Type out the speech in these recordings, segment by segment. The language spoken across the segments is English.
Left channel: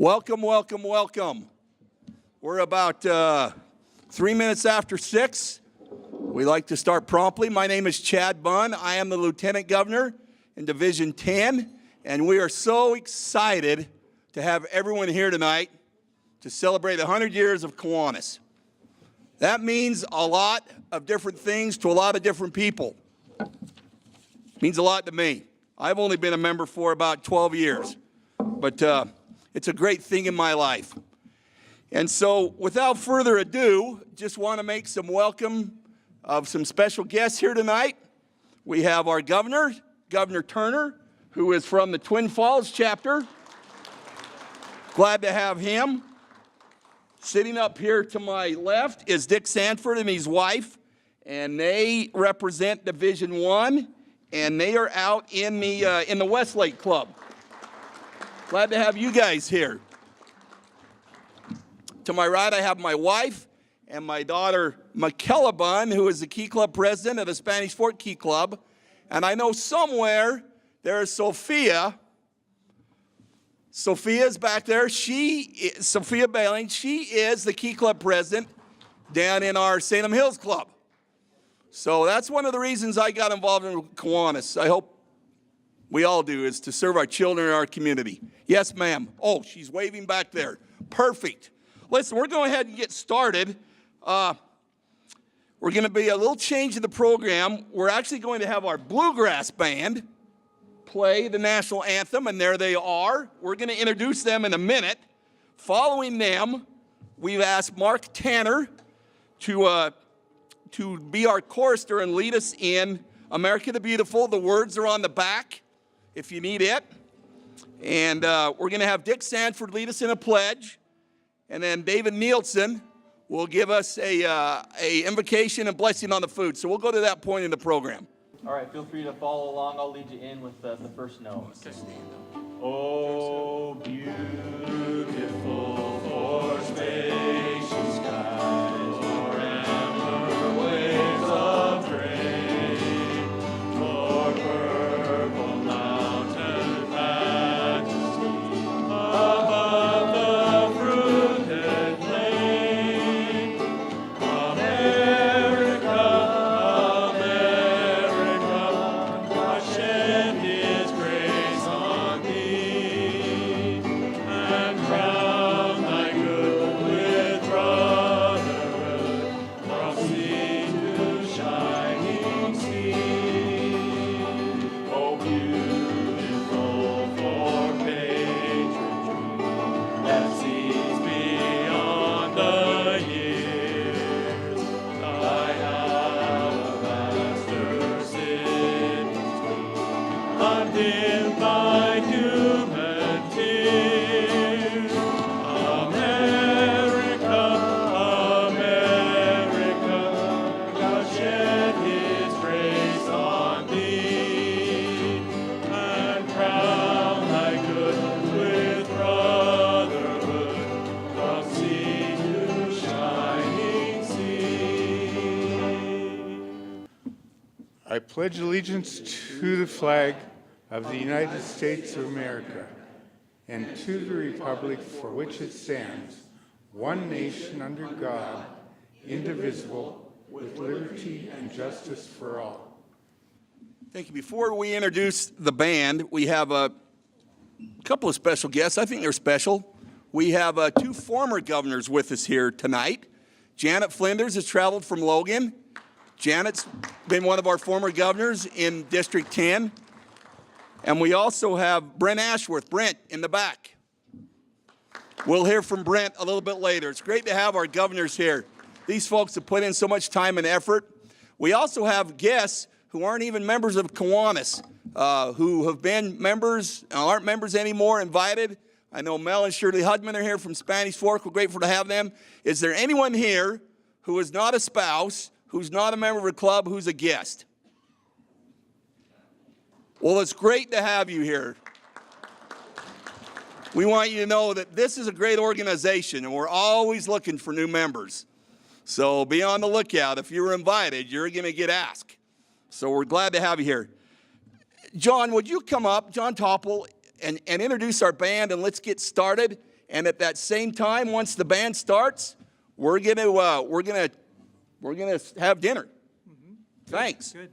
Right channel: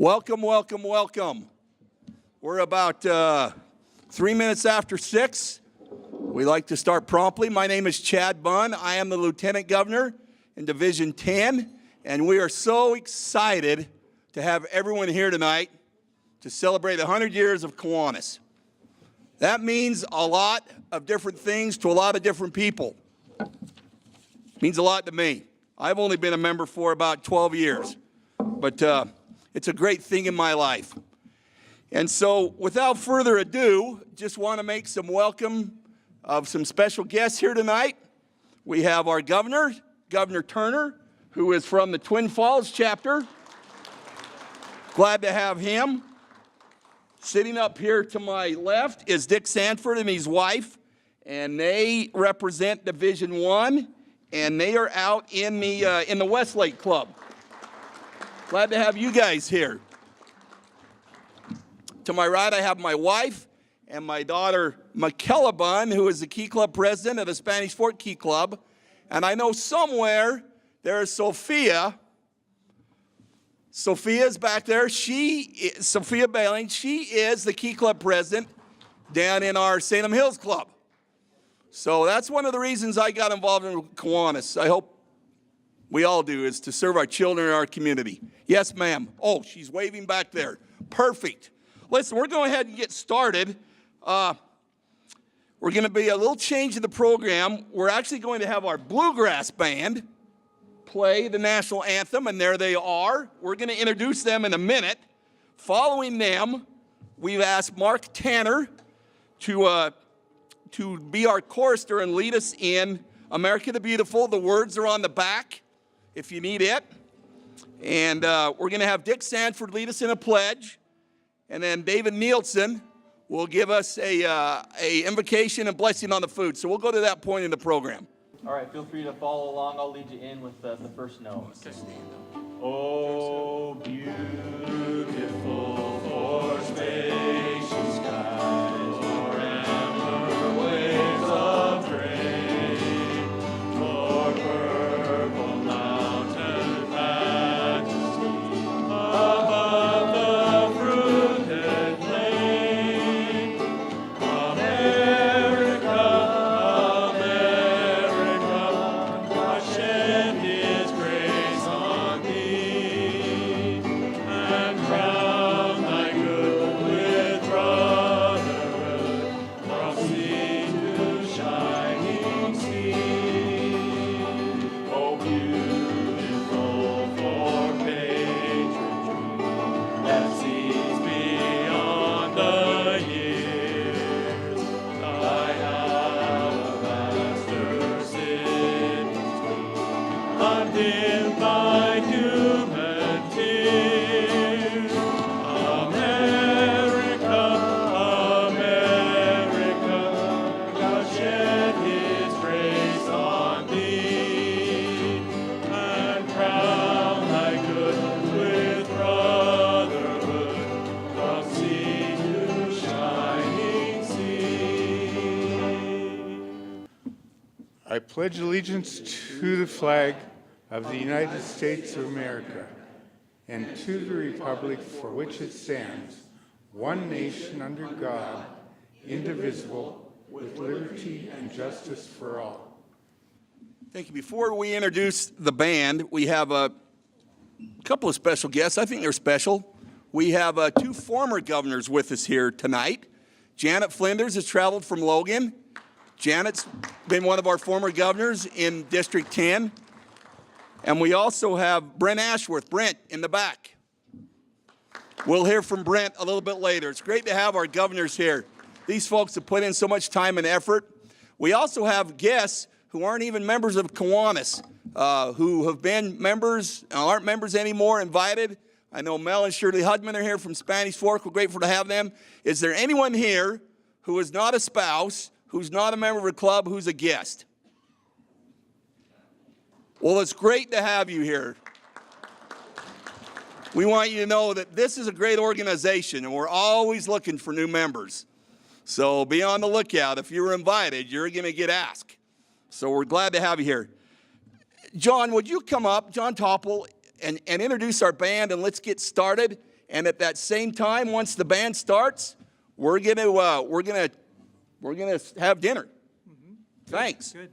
Welcome, welcome, welcome. We're about 3 minutes after 6. We like to start promptly. My name is Chad Bunn. I am the Lieutenant Governor in Division 10, and we are so excited to have everyone here tonight to celebrate 100 years of Kiwanis. That means a lot of different things to a lot of different people. It means a lot to me. I've only been a member for about 12 years, but it's a great thing in my life. And so, without further ado, just want to make some welcome of some special guests here tonight. We have our governor, Governor Turner, who is from the Twin Falls chapter. Glad to have him. Sitting up here to my left is Dick Sanford and his wife, and they represent Division 1, and they are out in the Westlake Club. Glad to have you guys here. To my right, I have my wife and my daughter, Michaela Bunn, who is the Key Club president of the Spanish Fort Key Club. And I know somewhere there is Sophia. Sophia's back there. Sophia Bailing, she is the Key Club president down in our Salem Hills Club. So that's one of the reasons I got involved in Kiwanis. I hope we all do, is to serve our children in our community. Yes, ma'am. Oh, she's waving back there. Perfect. Listen, we're going to go ahead and get started. We're going to be a little change in the program. We're actually going to have our bluegrass band play the national anthem, and there they are. We're going to introduce them in a minute. Following them, we've asked Mark Tanner to be our chorister and lead us in America the Beautiful. The words are on the back if you need it. And we're going to have Dick Sanford lead us in a pledge. And then David Nielsen will give us a invocation and blessing on the food. So we'll go to that point in the program. All right, feel free to follow along. I'll lead you in with the first note. Oh, beautiful for spacious skies, forever waves of grain, for purple mountain majesty, above the fruited plain. America, America, God shed His grace on thee, and crown thy good with brotherhood, from sea to shining sea. Oh, beautiful for patriotry that sees beyond the years, thy alabaster cities gleam, undimmed by human tears. America, America, God shed His grace on thee, and crown thy good with brotherhood, from sea to shining sea. I pledge allegiance to the flag of the United States of America and to the republic for which it stands, one nation under God, indivisible, with liberty and justice for all. Thank you. Before we introduce the band, we have a couple of special guests. I think they're special. We have 2 former governors with us here tonight. Janet Flinders has traveled from Logan. Janet's been one of our former governors in District 10. And we also have Brent Ashworth, Brent, in the back. We'll hear from Brent a little bit later. It's great to have our governors here. These folks have put in so much time and effort. We also have guests who aren't even members of Kiwanis, who have been members, aren't members anymore, invited. I know Mel and Shirley Hudman are here from Spanish Fork. We're grateful to have them. Is there anyone here who is not a spouse, who's not a member of a club, who's a guest? Well, it's great to have you here. We want you to know that this is a great organization, and we're always looking for new members. So be on the lookout. If you were invited, you're going to get asked. So we're glad to have you here. John, would you come up, John Topple, and introduce our band, and let's get started. And at that same time, once the band starts, we're gonna have dinner. Thanks. Good.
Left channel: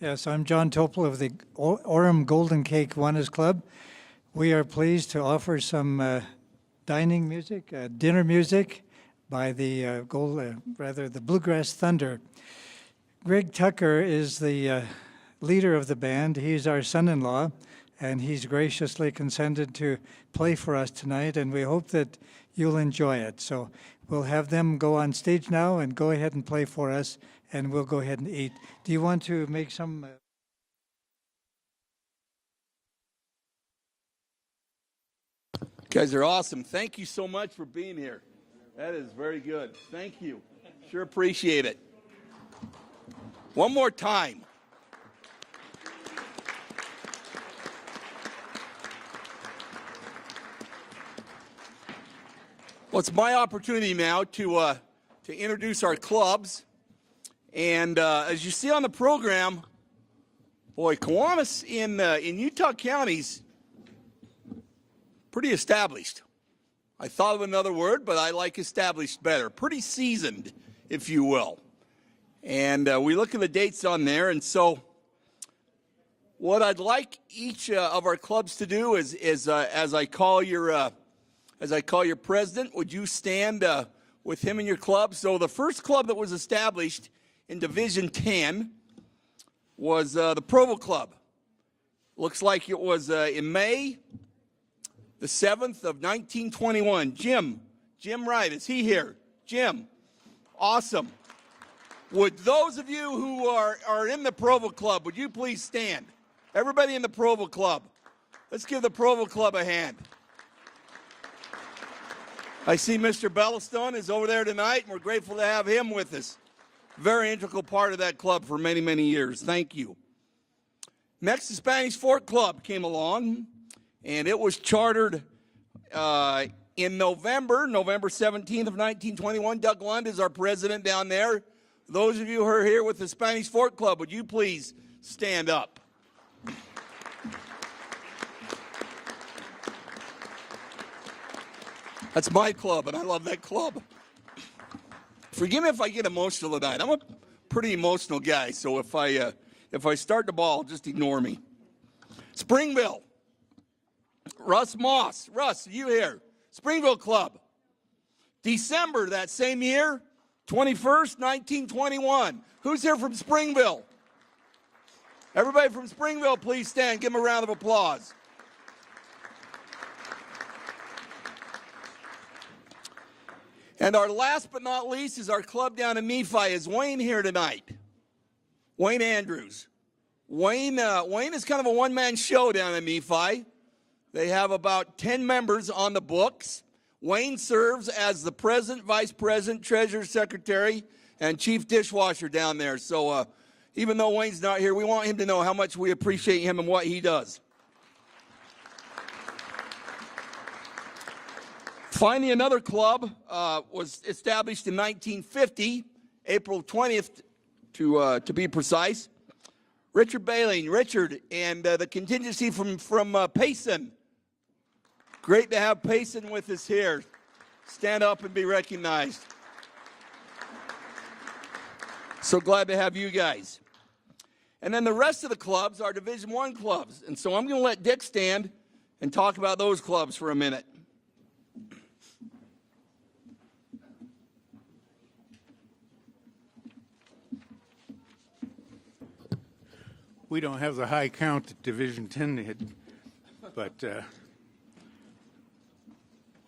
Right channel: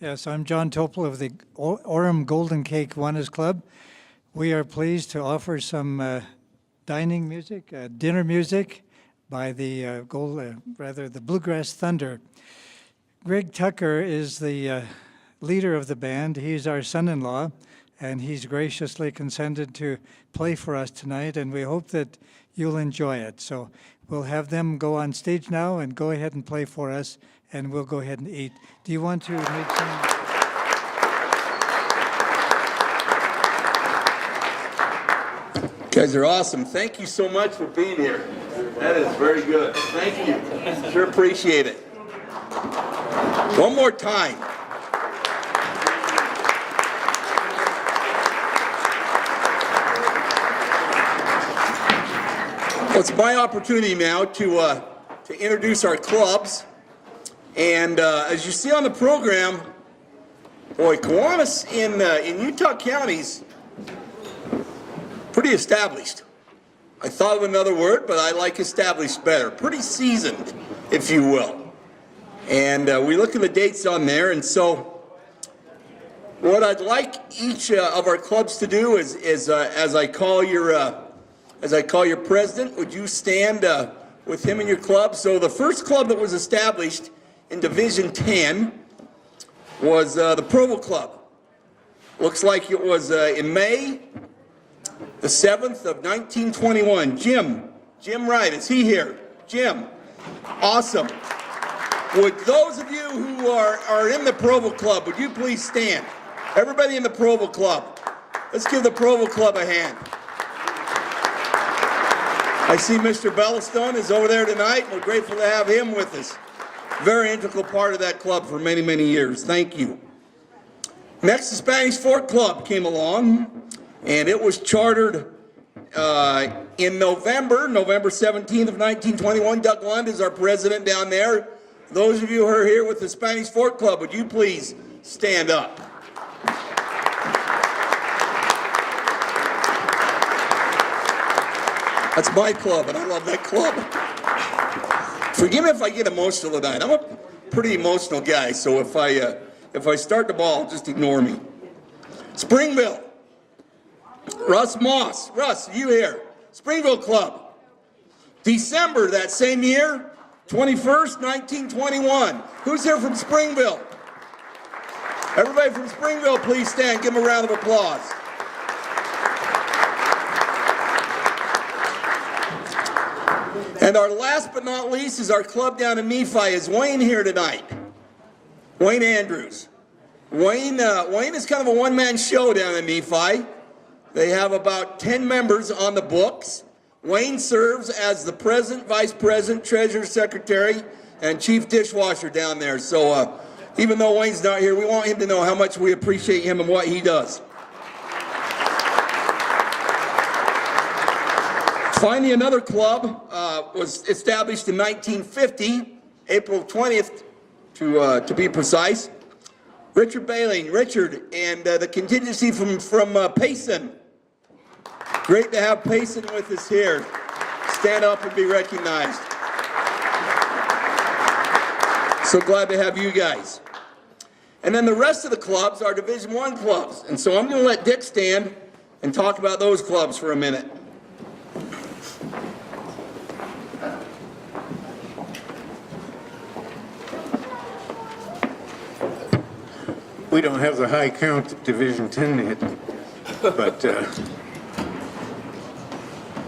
Yes, I'm John Topol of the Orem Golden Cake Kiwanis Club. We are pleased to offer some dining music, dinner music by the the Bluegrass Thunder. Greg Tucker is the leader of the band. He's our son-in-law, and he's graciously consented to play for us tonight, and we hope that you'll enjoy it. So we'll have them go on stage now and go ahead and play for us, and we'll go ahead and eat. Do you want to make some... You guys are awesome. Thank you so much for being here. That is very good. Thank you. Sure appreciate it. One more time. Well, it's my opportunity now to introduce our clubs. And as you see on the program, boy, Kiwanis in Utah counties, pretty established. I thought of another word, but I like established better. Pretty seasoned, if you will. And we look at the dates on there, and so what I'd like each of our clubs to do is as I call your president, would you stand with him in your club? So the first club that was established in Division 10 was the Provo Club. Looks like it was in May the 7th of 1921. Jim Wright, is he here? Jim, awesome. Would those of you who are in the Provo Club, would you please stand? Everybody in the Provo Club. Let's give the Provo Club a hand. I see Mr. Bellastone is over there tonight. We're grateful to have him with us. Very integral part of that club for many, many years. Thank you. Next, the Spanish Fork Club came along, and it was chartered in November 17th of 1921. Doug Lund is our president down there. Those of you who are here with the Spanish Fork Club, would you please stand up? That's my club, and I love that club. Forgive me if I get emotional tonight. I'm a pretty emotional guy, so if I start the ball, just ignore me. Springville. Russ Moss. Russ, you here? Springville Club. December that same year, 21st, 1921. Who's here from Springville? Everybody from Springville, please stand. Give them a round of applause. And our last but not least is our club down in Nephi. Is Wayne here tonight? Wayne Andrews. Wayne is kind of a one-man show down in Nephi. They have about 10 members on the books. Wayne serves as the president, vice president, treasurer, secretary, and chief dishwasher down there. So even though Wayne's not here, we want him to know how much we appreciate him and what he does. Finally, another club was established in 1950, April 20th to be precise. Richard Baling, Richard, and the contingency from Payson. Great to have Payson with us here. Stand up and be recognized. So glad to have you guys. And then the rest of the clubs are Division I clubs. And so I'm going to let Dick stand and talk about those clubs for a minute. We don't have the high count that Division 10 did, but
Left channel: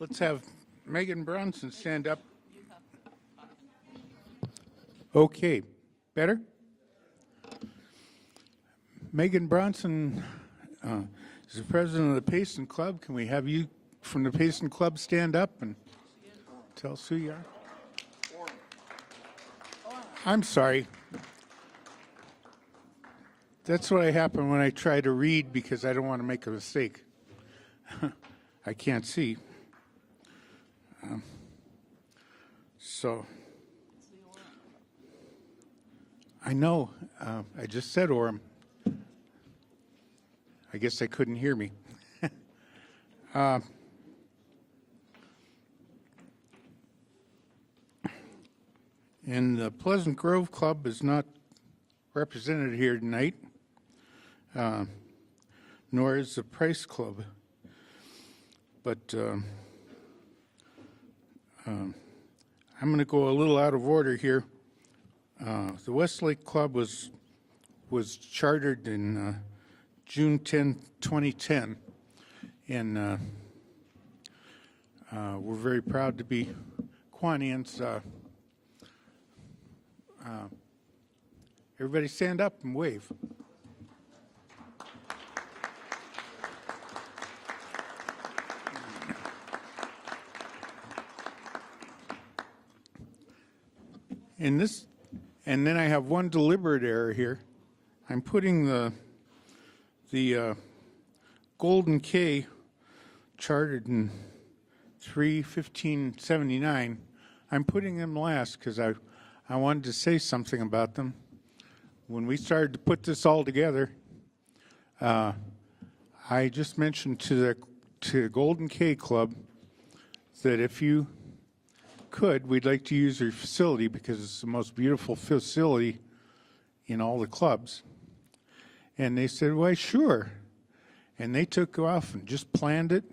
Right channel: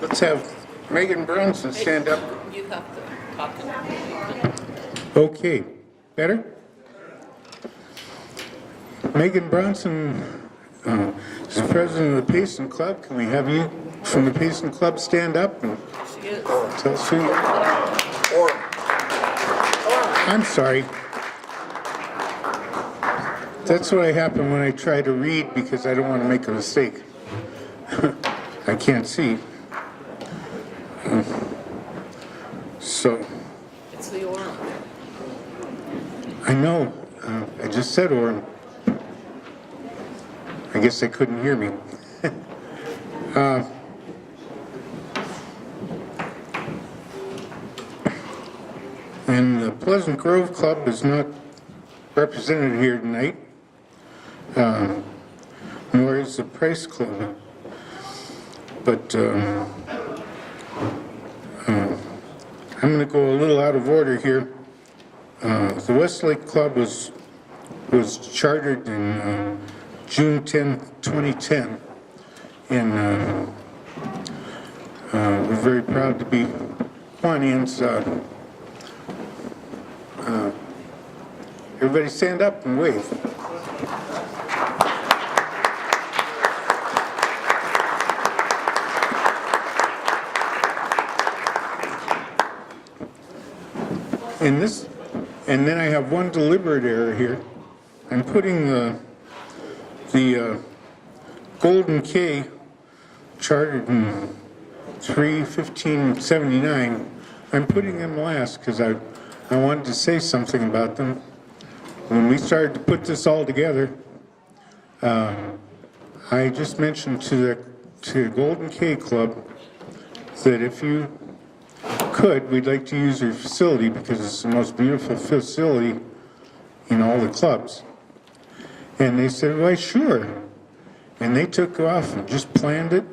let's have Megan Bronson stand up. You have to talk to them. Okay, better? Megan Bronson is president of the Payson Club. Can we have you from the Payson Club stand up and She is. tell us who? I'm sorry. That's what happens when I try to read because I don't want to make a mistake. I can't see. So. It's the Orem. I know. I just said Orem. I guess they couldn't hear me. And the Pleasant Grove Club is not represented here tonight, nor is the Price Club. But I'm going to go a little out of order here. The Westlake Club was chartered in June 10, 2010, and we're very proud to be Kiwanis. Everybody stand up and wave. And then I have one deliberate error here. I'm putting the Golden K, chartered in 3/15/79. I'm putting them last because I wanted to say something about them. When we started to put this all together, I just mentioned to the Golden K Club that if you could, we'd like to use their facility because it's the most beautiful facility in all the clubs. And they said, well, sure. And they took off and just planned it.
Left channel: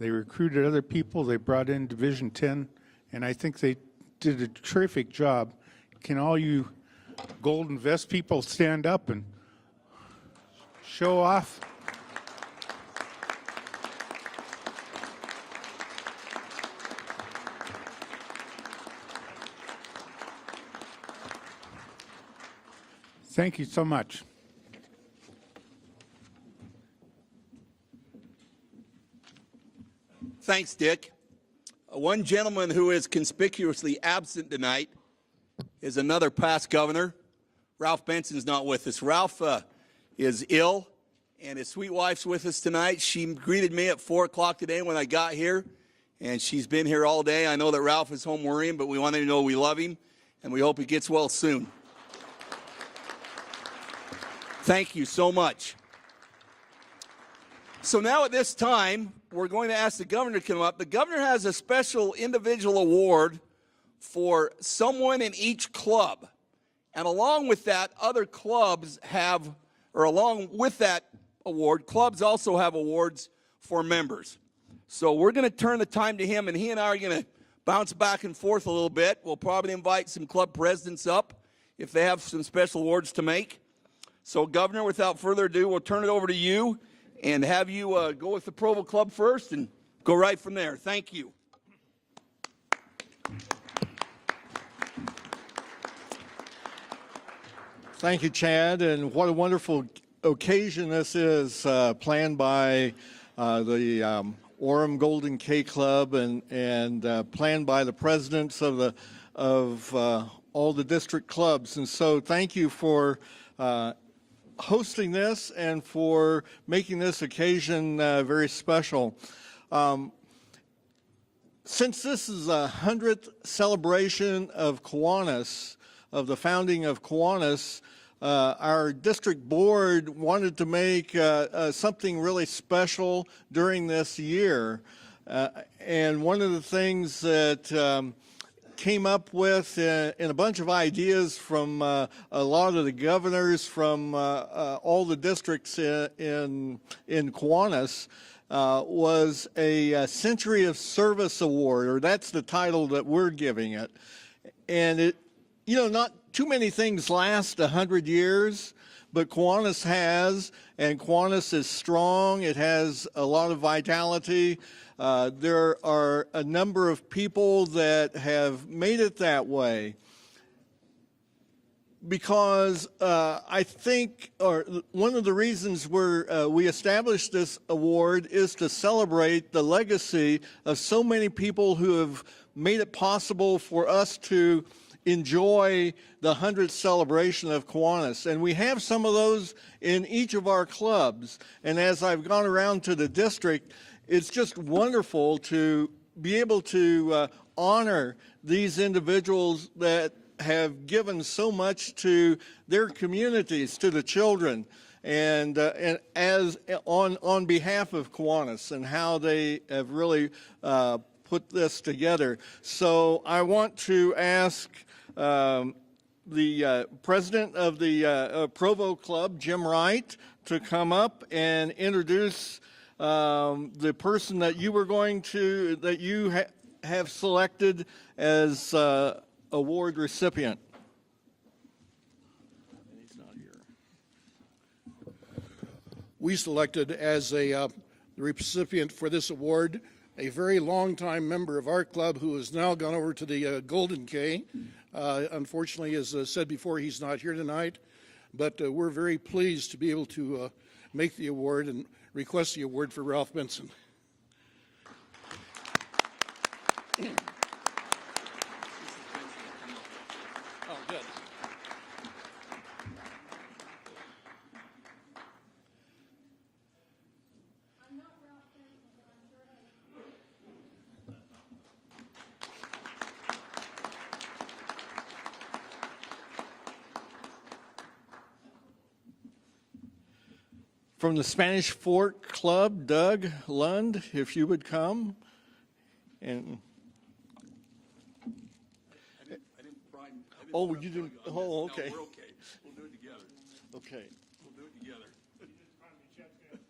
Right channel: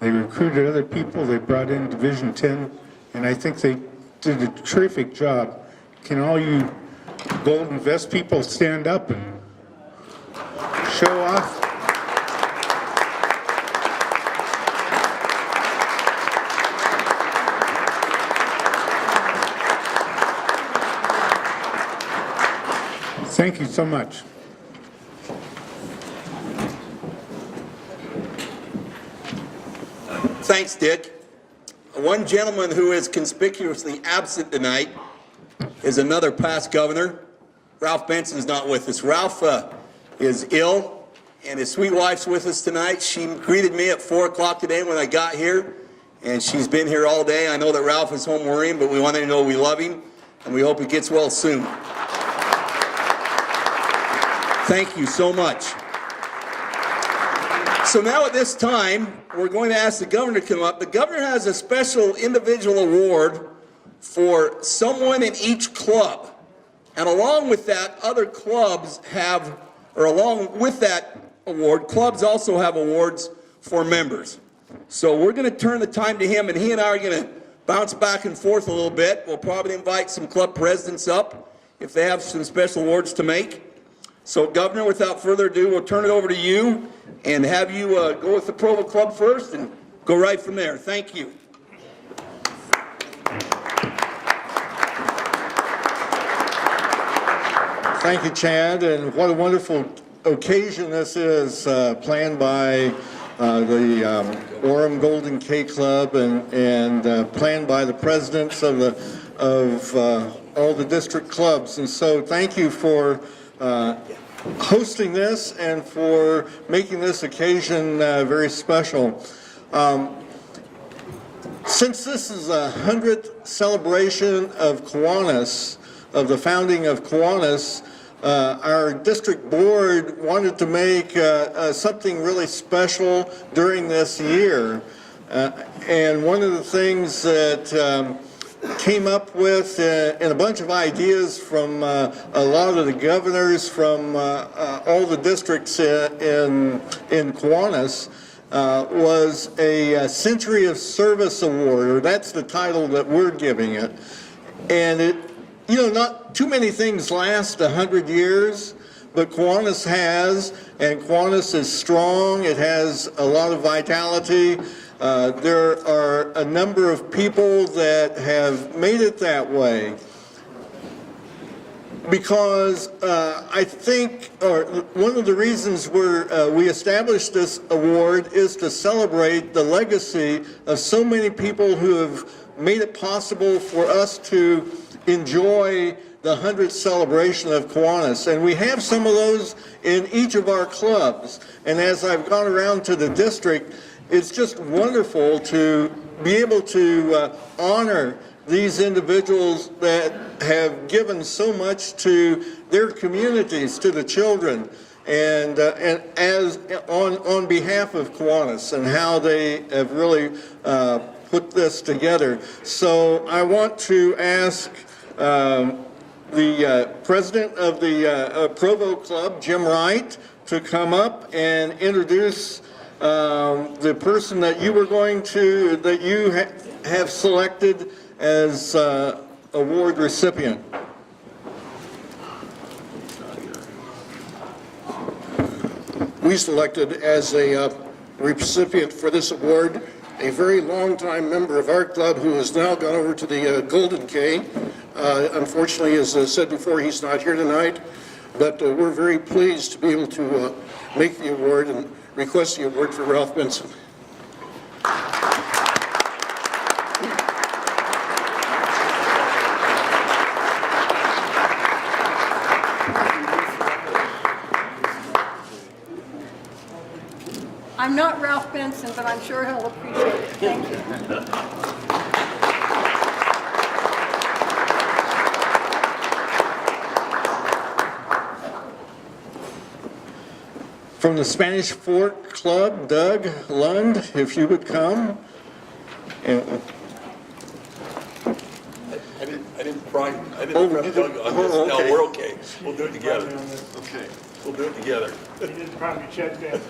They recruited other people. They brought in Division 10, and I think they did a terrific job. Can all you Golden Vest people stand up and show off? Thank you so much. Thanks, Dick. One gentleman who is conspicuously absent tonight is another past governor. Ralph Benson's not with us. Ralph is ill, and his sweet wife's with us tonight. She greeted me at 4 o'clock today when I got here, and she's been here all day. I know that Ralph is home worrying, but we want him to know we love him, and we hope he gets well soon. Thank you so much. So now at this time, we're going to ask the governor to come up. The governor has a special individual award for someone in each club. And along with that, other clubs have, or along with that award, clubs also have awards for members. So we're going to turn the time to him, and he and I are going to bounce back and forth a little bit. We'll probably invite some club presidents up if they have some special awards to make. So, Governor, without further ado, we'll turn it over to you and have you go with the Provo Club first and go right from there. Thank you. Thank you, Chad, and what a wonderful occasion this is, planned by the Orem Golden K Club and planned by the presidents of all the district clubs. And so thank you for hosting this and for making this occasion very special. Since this is a 100th celebration of Kiwanis, of the founding of Kiwanis, our district board wanted to make something really special during this year. And one of the things that came up with in a bunch of ideas from a lot of the governors from all the districts in Kiwanis was a Century of Service Award, or that's the title that we're giving it. And it, you know, not too many things last 100 years, but Kiwanis has, and Kiwanis is strong. It has a lot of vitality. There are a number of people that have made it that way because I think, or one of the reasons we established this award is to celebrate the legacy of so many people who have made it possible for us to enjoy the 100th celebration of Kiwanis. And we have some of those in each of our clubs. And as I've gone around to the district, it's just wonderful to be able to honor these individuals that have given so much to their communities, to the children, and as on behalf of Kiwanis and how they have really put this together. So I want to ask the president of the Provo Club, Jim Wright, to come up and introduce the person that you were going to, that you have selected as award recipient. We selected as a recipient for this award a very long-time member of our club who has now gone over to the Golden K. Unfortunately, as I said before, he's not here tonight, but we're very pleased to be able to make the award and request the award for Ralph Benson. I'm not Ralph Benson, but I'm sure he'll appreciate it. Thank you. From the Spanish Fork Club, Doug Lund, if you would come. And, I didn't prime. I didn't Oh, prep you Doug didn't- on this. oh, No, okay. we're okay. We'll do it together. okay. We'll do it together. He didn't probably check that.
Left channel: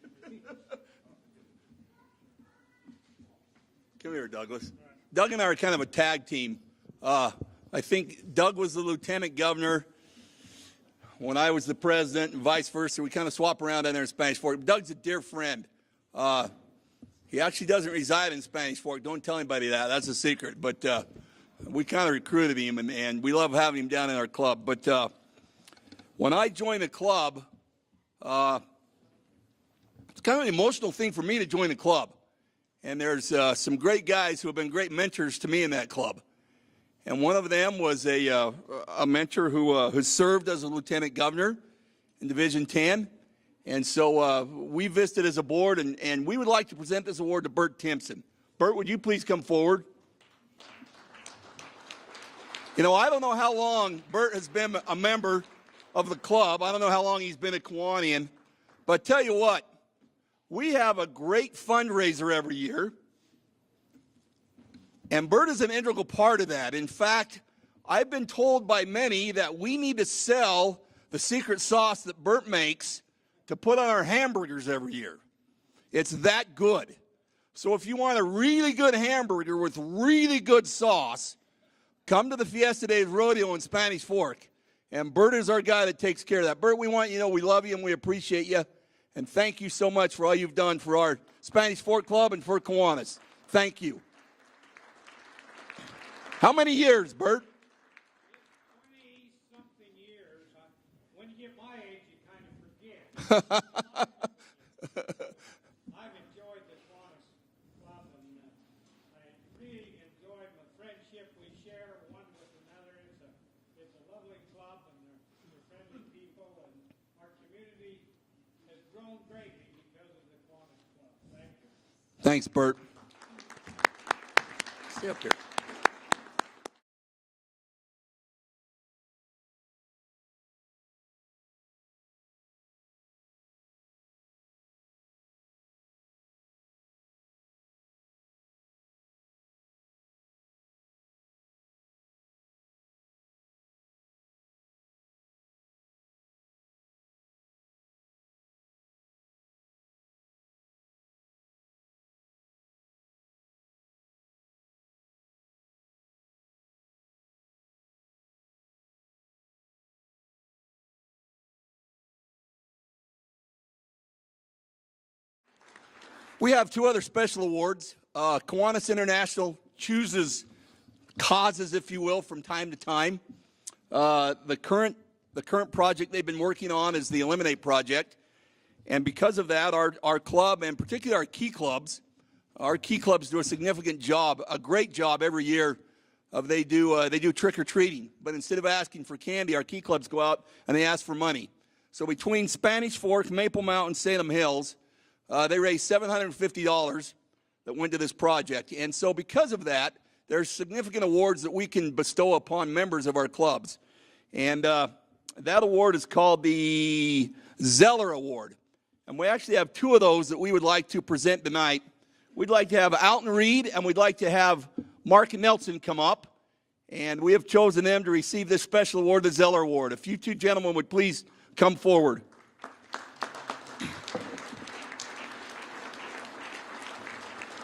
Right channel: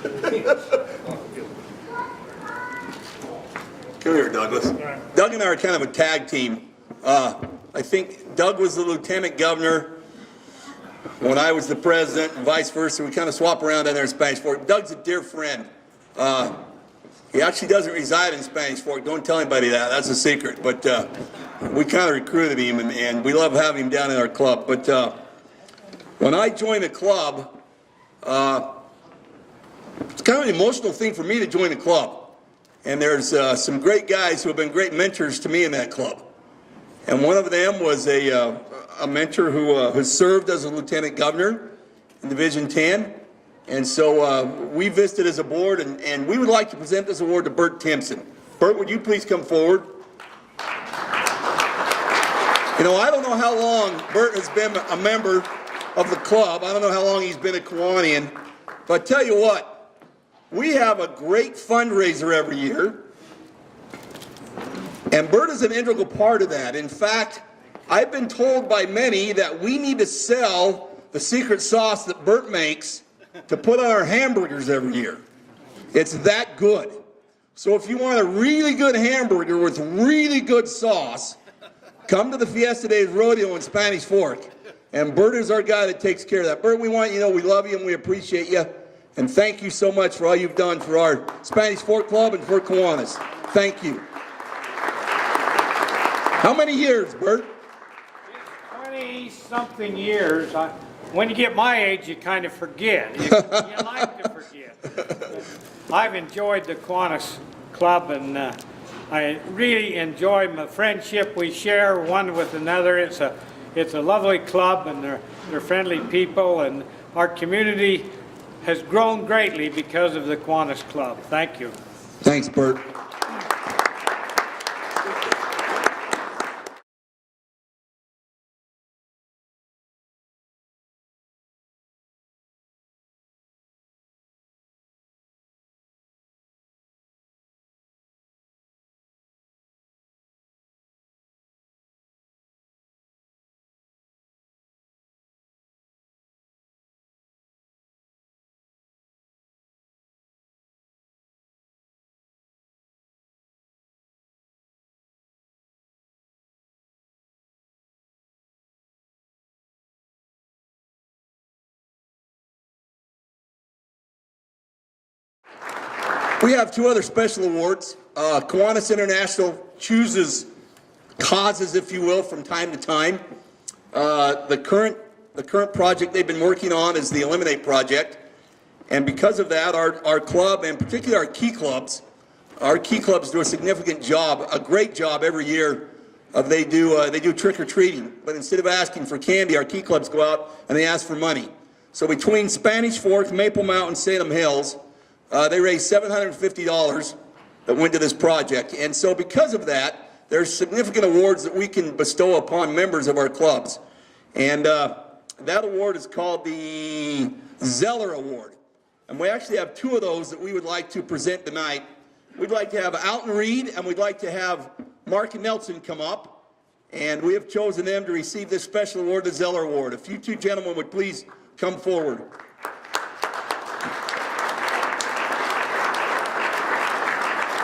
Come here, Douglas. Doug and I are kind of a tag team. I think Doug was the lieutenant governor when I was the president and vice versa. We kind of swap around down there in Spanish Fork. Doug's a dear friend. He actually doesn't reside in Spanish Fork. Don't tell anybody that. That's a secret. But we kind of recruited him, and we love having him down in our club. But when I joined the club, it's kind of an emotional thing for me to join the club. And there's some great guys who have been great mentors to me in that club. And one of them was a mentor who has served as a lieutenant governor in Division 10. And so we visited as a board, and we would like to present this award to Bert Timpson. Bert, would you please come forward? You know, I don't know how long Bert has been a member of the club. I don't know how long he's been a Kiwanian. But I tell you what, we have a great fundraiser every year. And Bert is an integral part of that. In fact, I've been told by many that we need to sell the secret sauce that Bert makes to put on our hamburgers every year. It's that good. So if you want a really good hamburger with really good sauce, come to the Fiesta Days Rodeo in Spanish Fork. And Bert is our guy that takes care of that. Bert, we want you to know we love you and we appreciate you. And thank you so much for all you've done for our Spanish Fork Club and for Kiwanis. Thank you. How many years, Bert? 20-something years. When you get my age, you kind of forget. You like to forget. I've enjoyed the Kiwanis Club, and I really enjoy the friendship we share one with another. It's a lovely club, and they're friendly people, and our community has grown greatly because of the Kiwanis Club. Thank you. Thanks, Bert. We have two other special awards. Kiwanis International chooses causes, if you will, from time to time. The current project they've been working on is the Eliminate Project. And because of that, our club, and particularly our key clubs do a significant job, a great job every year. They do trick-or-treating. But instead of asking for candy, our key clubs go out and they ask for money. So between Spanish Fork, Maple Mountain, Salem Hills, they raised $750 that went to this project. And so because of that, there's significant awards that we can bestow upon members of our clubs. And that award is called the Zeller Award. And we actually have two of those that we would like to present tonight. We'd like to have Alton Reed, and we'd like to have Mark Nelson come up. and we have chosen them to receive this special award, the Zeller Award. If you two gentlemen would please come forward.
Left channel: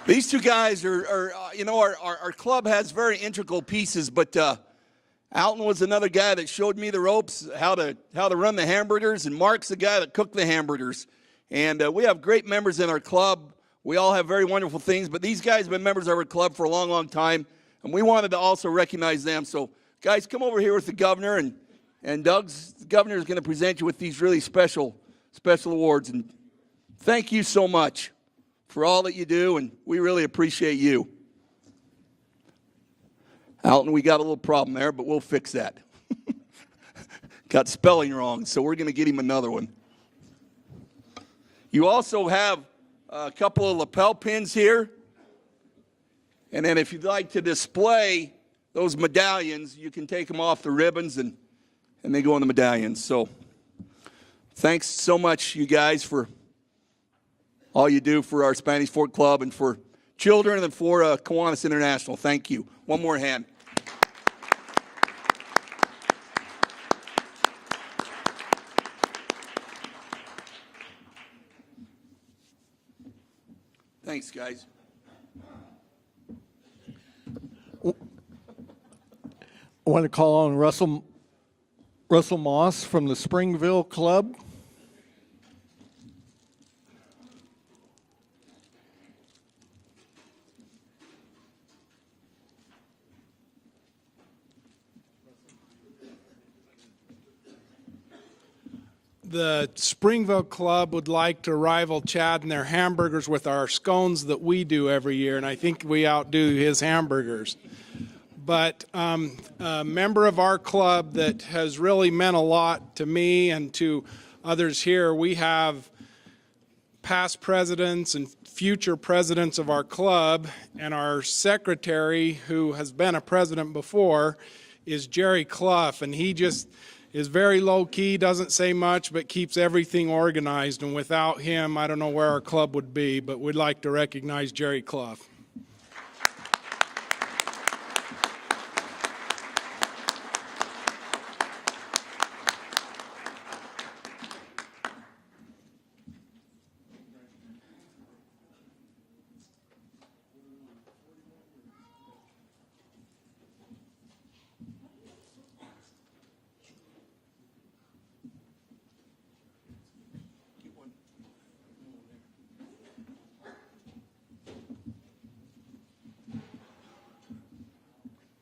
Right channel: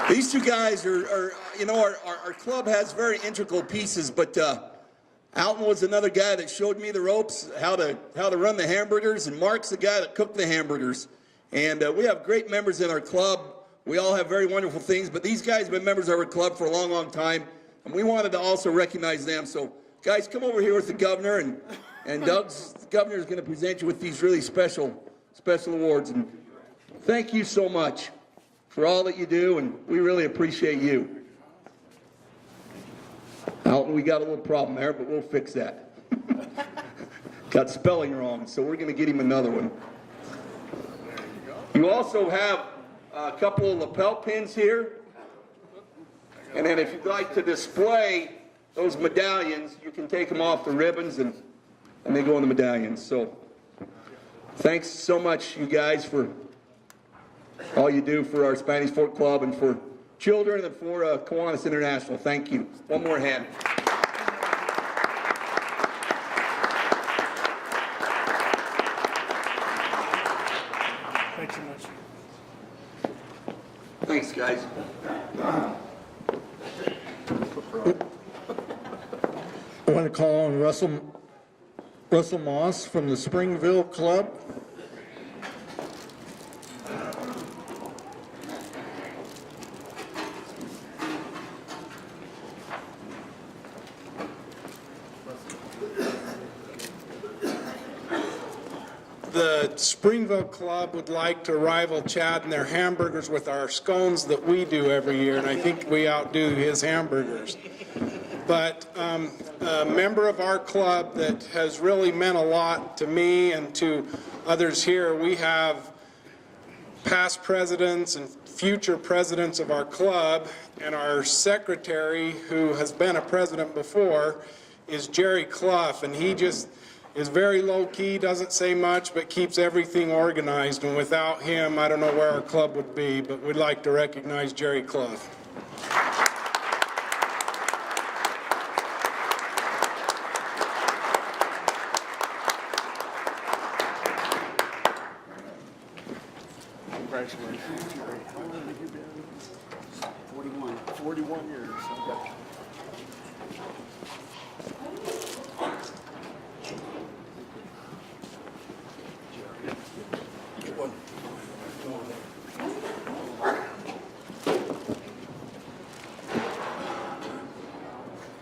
These two guys are you know, our club has very integral pieces, but Alton was another guy that showed me the ropes, how to run the hamburgers, and Mark's the guy that cooked the hamburgers. And we have great members in our club. We all have very wonderful things, but these guys have been members of our club for a long, long time, and we wanted to also recognize them. So, guys, come over here with the governor, and the governor is going to present you with these really special awards. And thank you so much for all that you do, and we really appreciate you. Alton, we got a little problem there, but we'll fix that. Got spelling wrong, so we're going to get him another one. You also have a couple of lapel pins here. And then if you'd like to display those medallions, you can take them off the ribbons and they go on the medallions. So thanks so much, you guys, for all you do for our Spanish Fort Club and for children and for Kiwanis International. Thank you. One more hand. Thanks so much. Thanks, guys. I want to call on Russell Moss from the Springville Club. The Springville Club would like to rival Chad in their hamburgers with our scones that we do every year, and I think we outdo his hamburgers. But a member of our club that has really meant a lot to me and to others here, we have past presidents and future presidents of our club, and our secretary, who has been a president before, is Jerry Clough, and he just is very low-key, doesn't say much, but keeps everything organized, and without him, I don't know where our club would be, but we'd like to recognize Jerry Clough. Congratulations, Jerry. How long have you been? 41 years. Okay.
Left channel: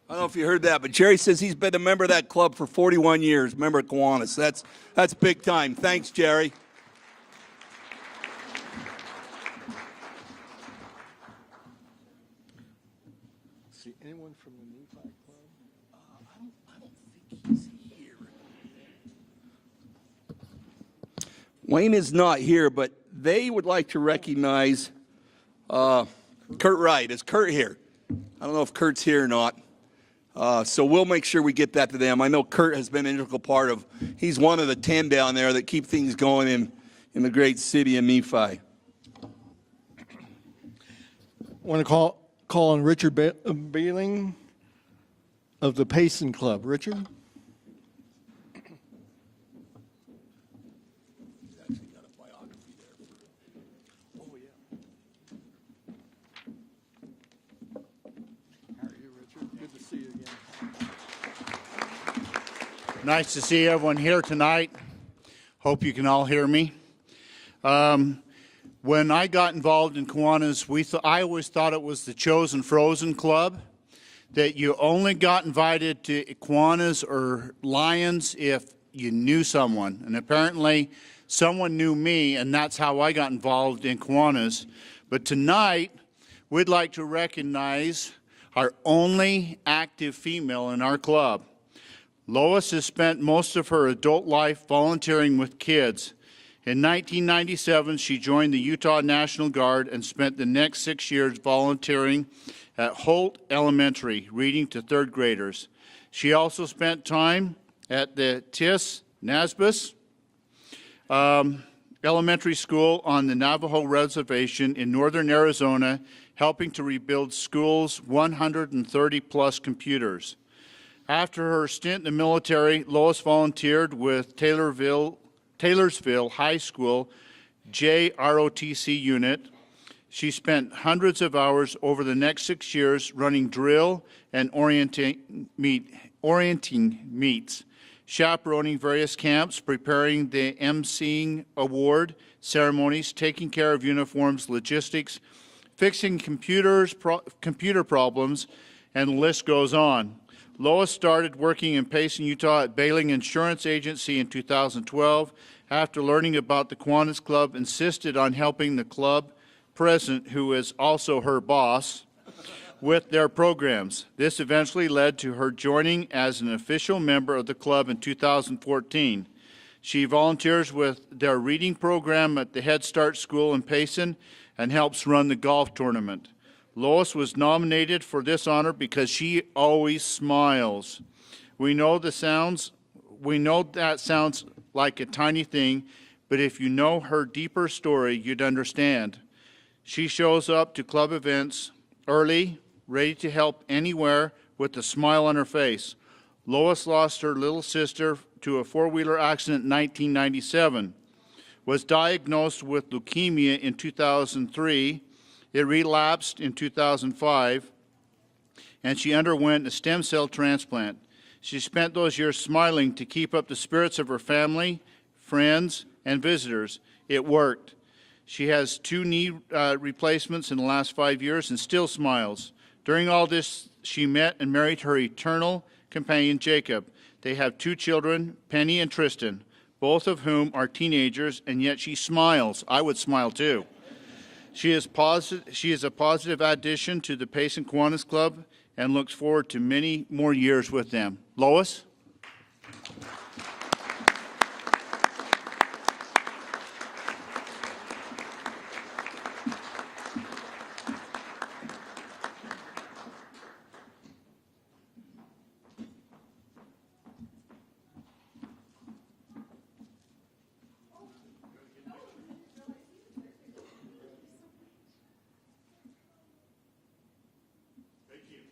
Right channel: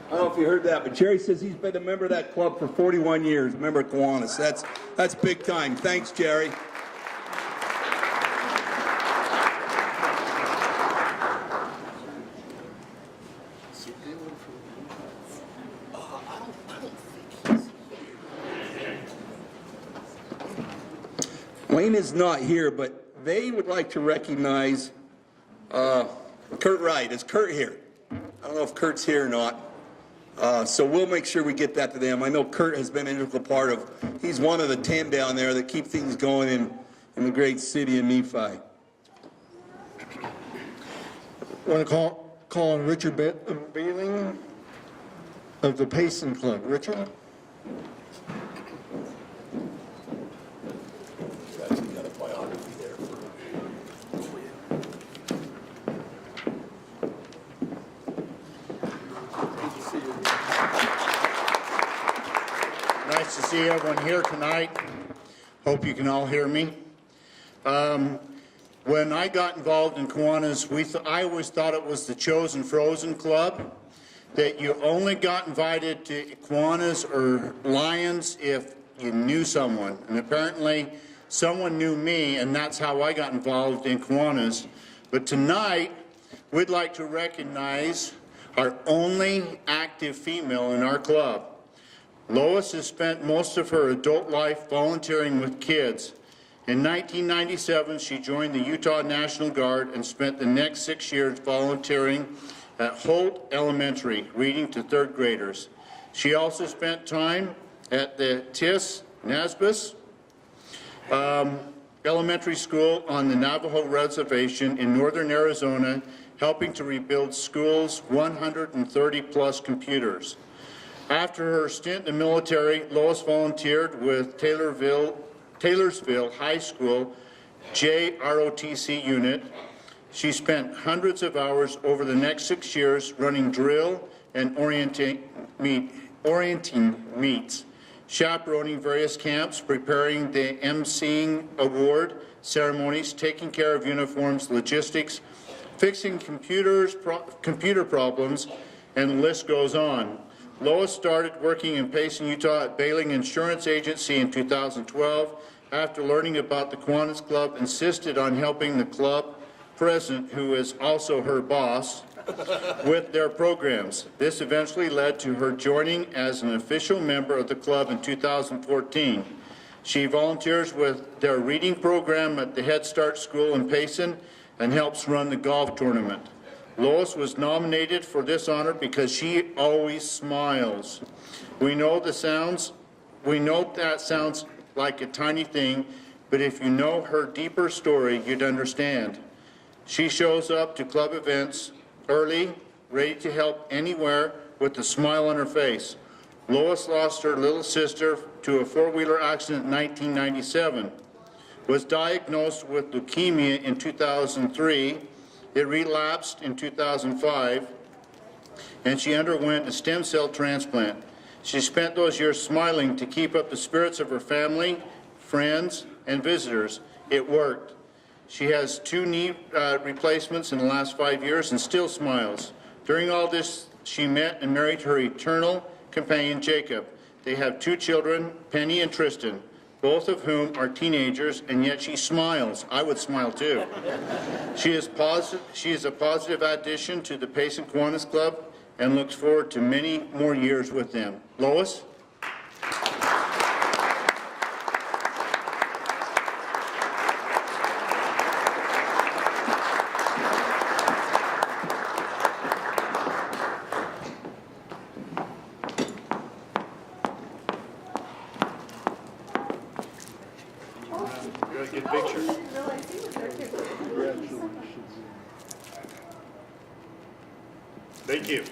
I don't know if you heard that, but Jerry says he's been a member of that club for 41 years, member of Kiwanis. That's big time. Thanks, Jerry. Wayne is not here, but they would like to recognize Kurt Wright. Is Kurt here? I don't know if Kurt's here or not. So we'll make sure we get that to them. I know Kurt has been an integral part of, he's one of the 10 down there that keep things going in the great city of Nephi. I want to call on Richard Baling of the Payson Club. Richard? Nice to see everyone here tonight. Hope you can all hear me. When I got involved in Kiwanis, I always thought it was the chosen frozen club, that you only got invited to Kiwanis or Lions if you knew someone. And apparently someone knew me, and that's how I got involved in Kiwanis. But tonight, we'd like to recognize our only active female in our club. Lois has spent most of her adult life volunteering with kids. In 1997, she joined the Utah National Guard and spent the next 6 years volunteering at Holt Elementary, reading to third graders. She also spent time at the Tis Nasbus Elementary School on the Navajo Reservation in northern Arizona, helping to rebuild school's 130-plus computers. After her stint in the military, Lois volunteered with Taylorsville High School JROTC unit. She spent hundreds of hours over the next 6 years running drill and orienting meets, chaperoning various camps, preparing the emceeing award ceremonies, taking care of uniforms, logistics, fixing computer problems, and the list goes on. Lois started working in Payson, Utah at Bailing Insurance Agency in 2012. After learning about the Kiwanis Club, insisted on helping the club president, who is also her boss, with their programs. This eventually led to her joining as an official member of the club in 2014. She volunteers with their reading program at the Head Start School in Payson and helps run the golf tournament. Lois was nominated for this honor because she always smiles. We know that sounds like a tiny thing, but if you know her deeper story, you'd understand. She shows up to club events early, ready to help anywhere with a smile on her face. Lois lost her little sister to a four-wheeler accident in 1997, was diagnosed with leukemia in 2003. It relapsed in 2005, and she underwent a stem cell transplant. She spent those years smiling to keep up the spirits of her family, friends, and visitors. It worked. She has 2 knee replacements in the last 5 years and still smiles. During all this, she met and married her eternal companion, Jacob. They have 2 children, Penny and Tristan, both of whom are teenagers, and yet she smiles. I would smile too. She is a positive addition to the Payson Kiwanis Club and looks forward to many more years with them. Lois? Thank you.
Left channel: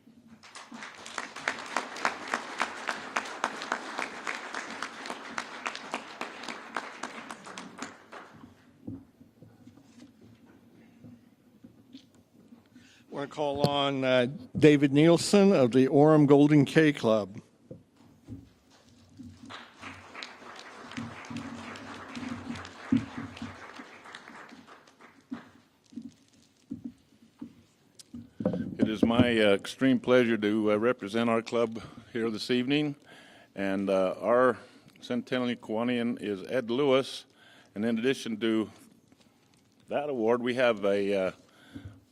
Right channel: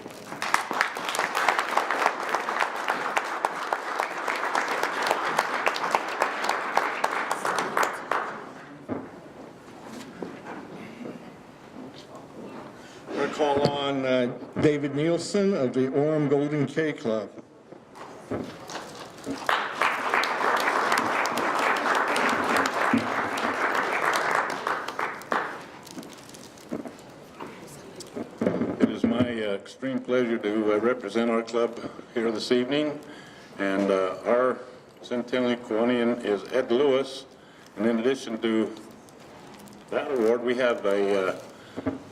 I'm going to call on David Nielsen of the Orem Golden K Club. It is my extreme pleasure to represent our club here this evening, and our centennial Kiwanian is Ed Lewis, and in addition to that award, we have a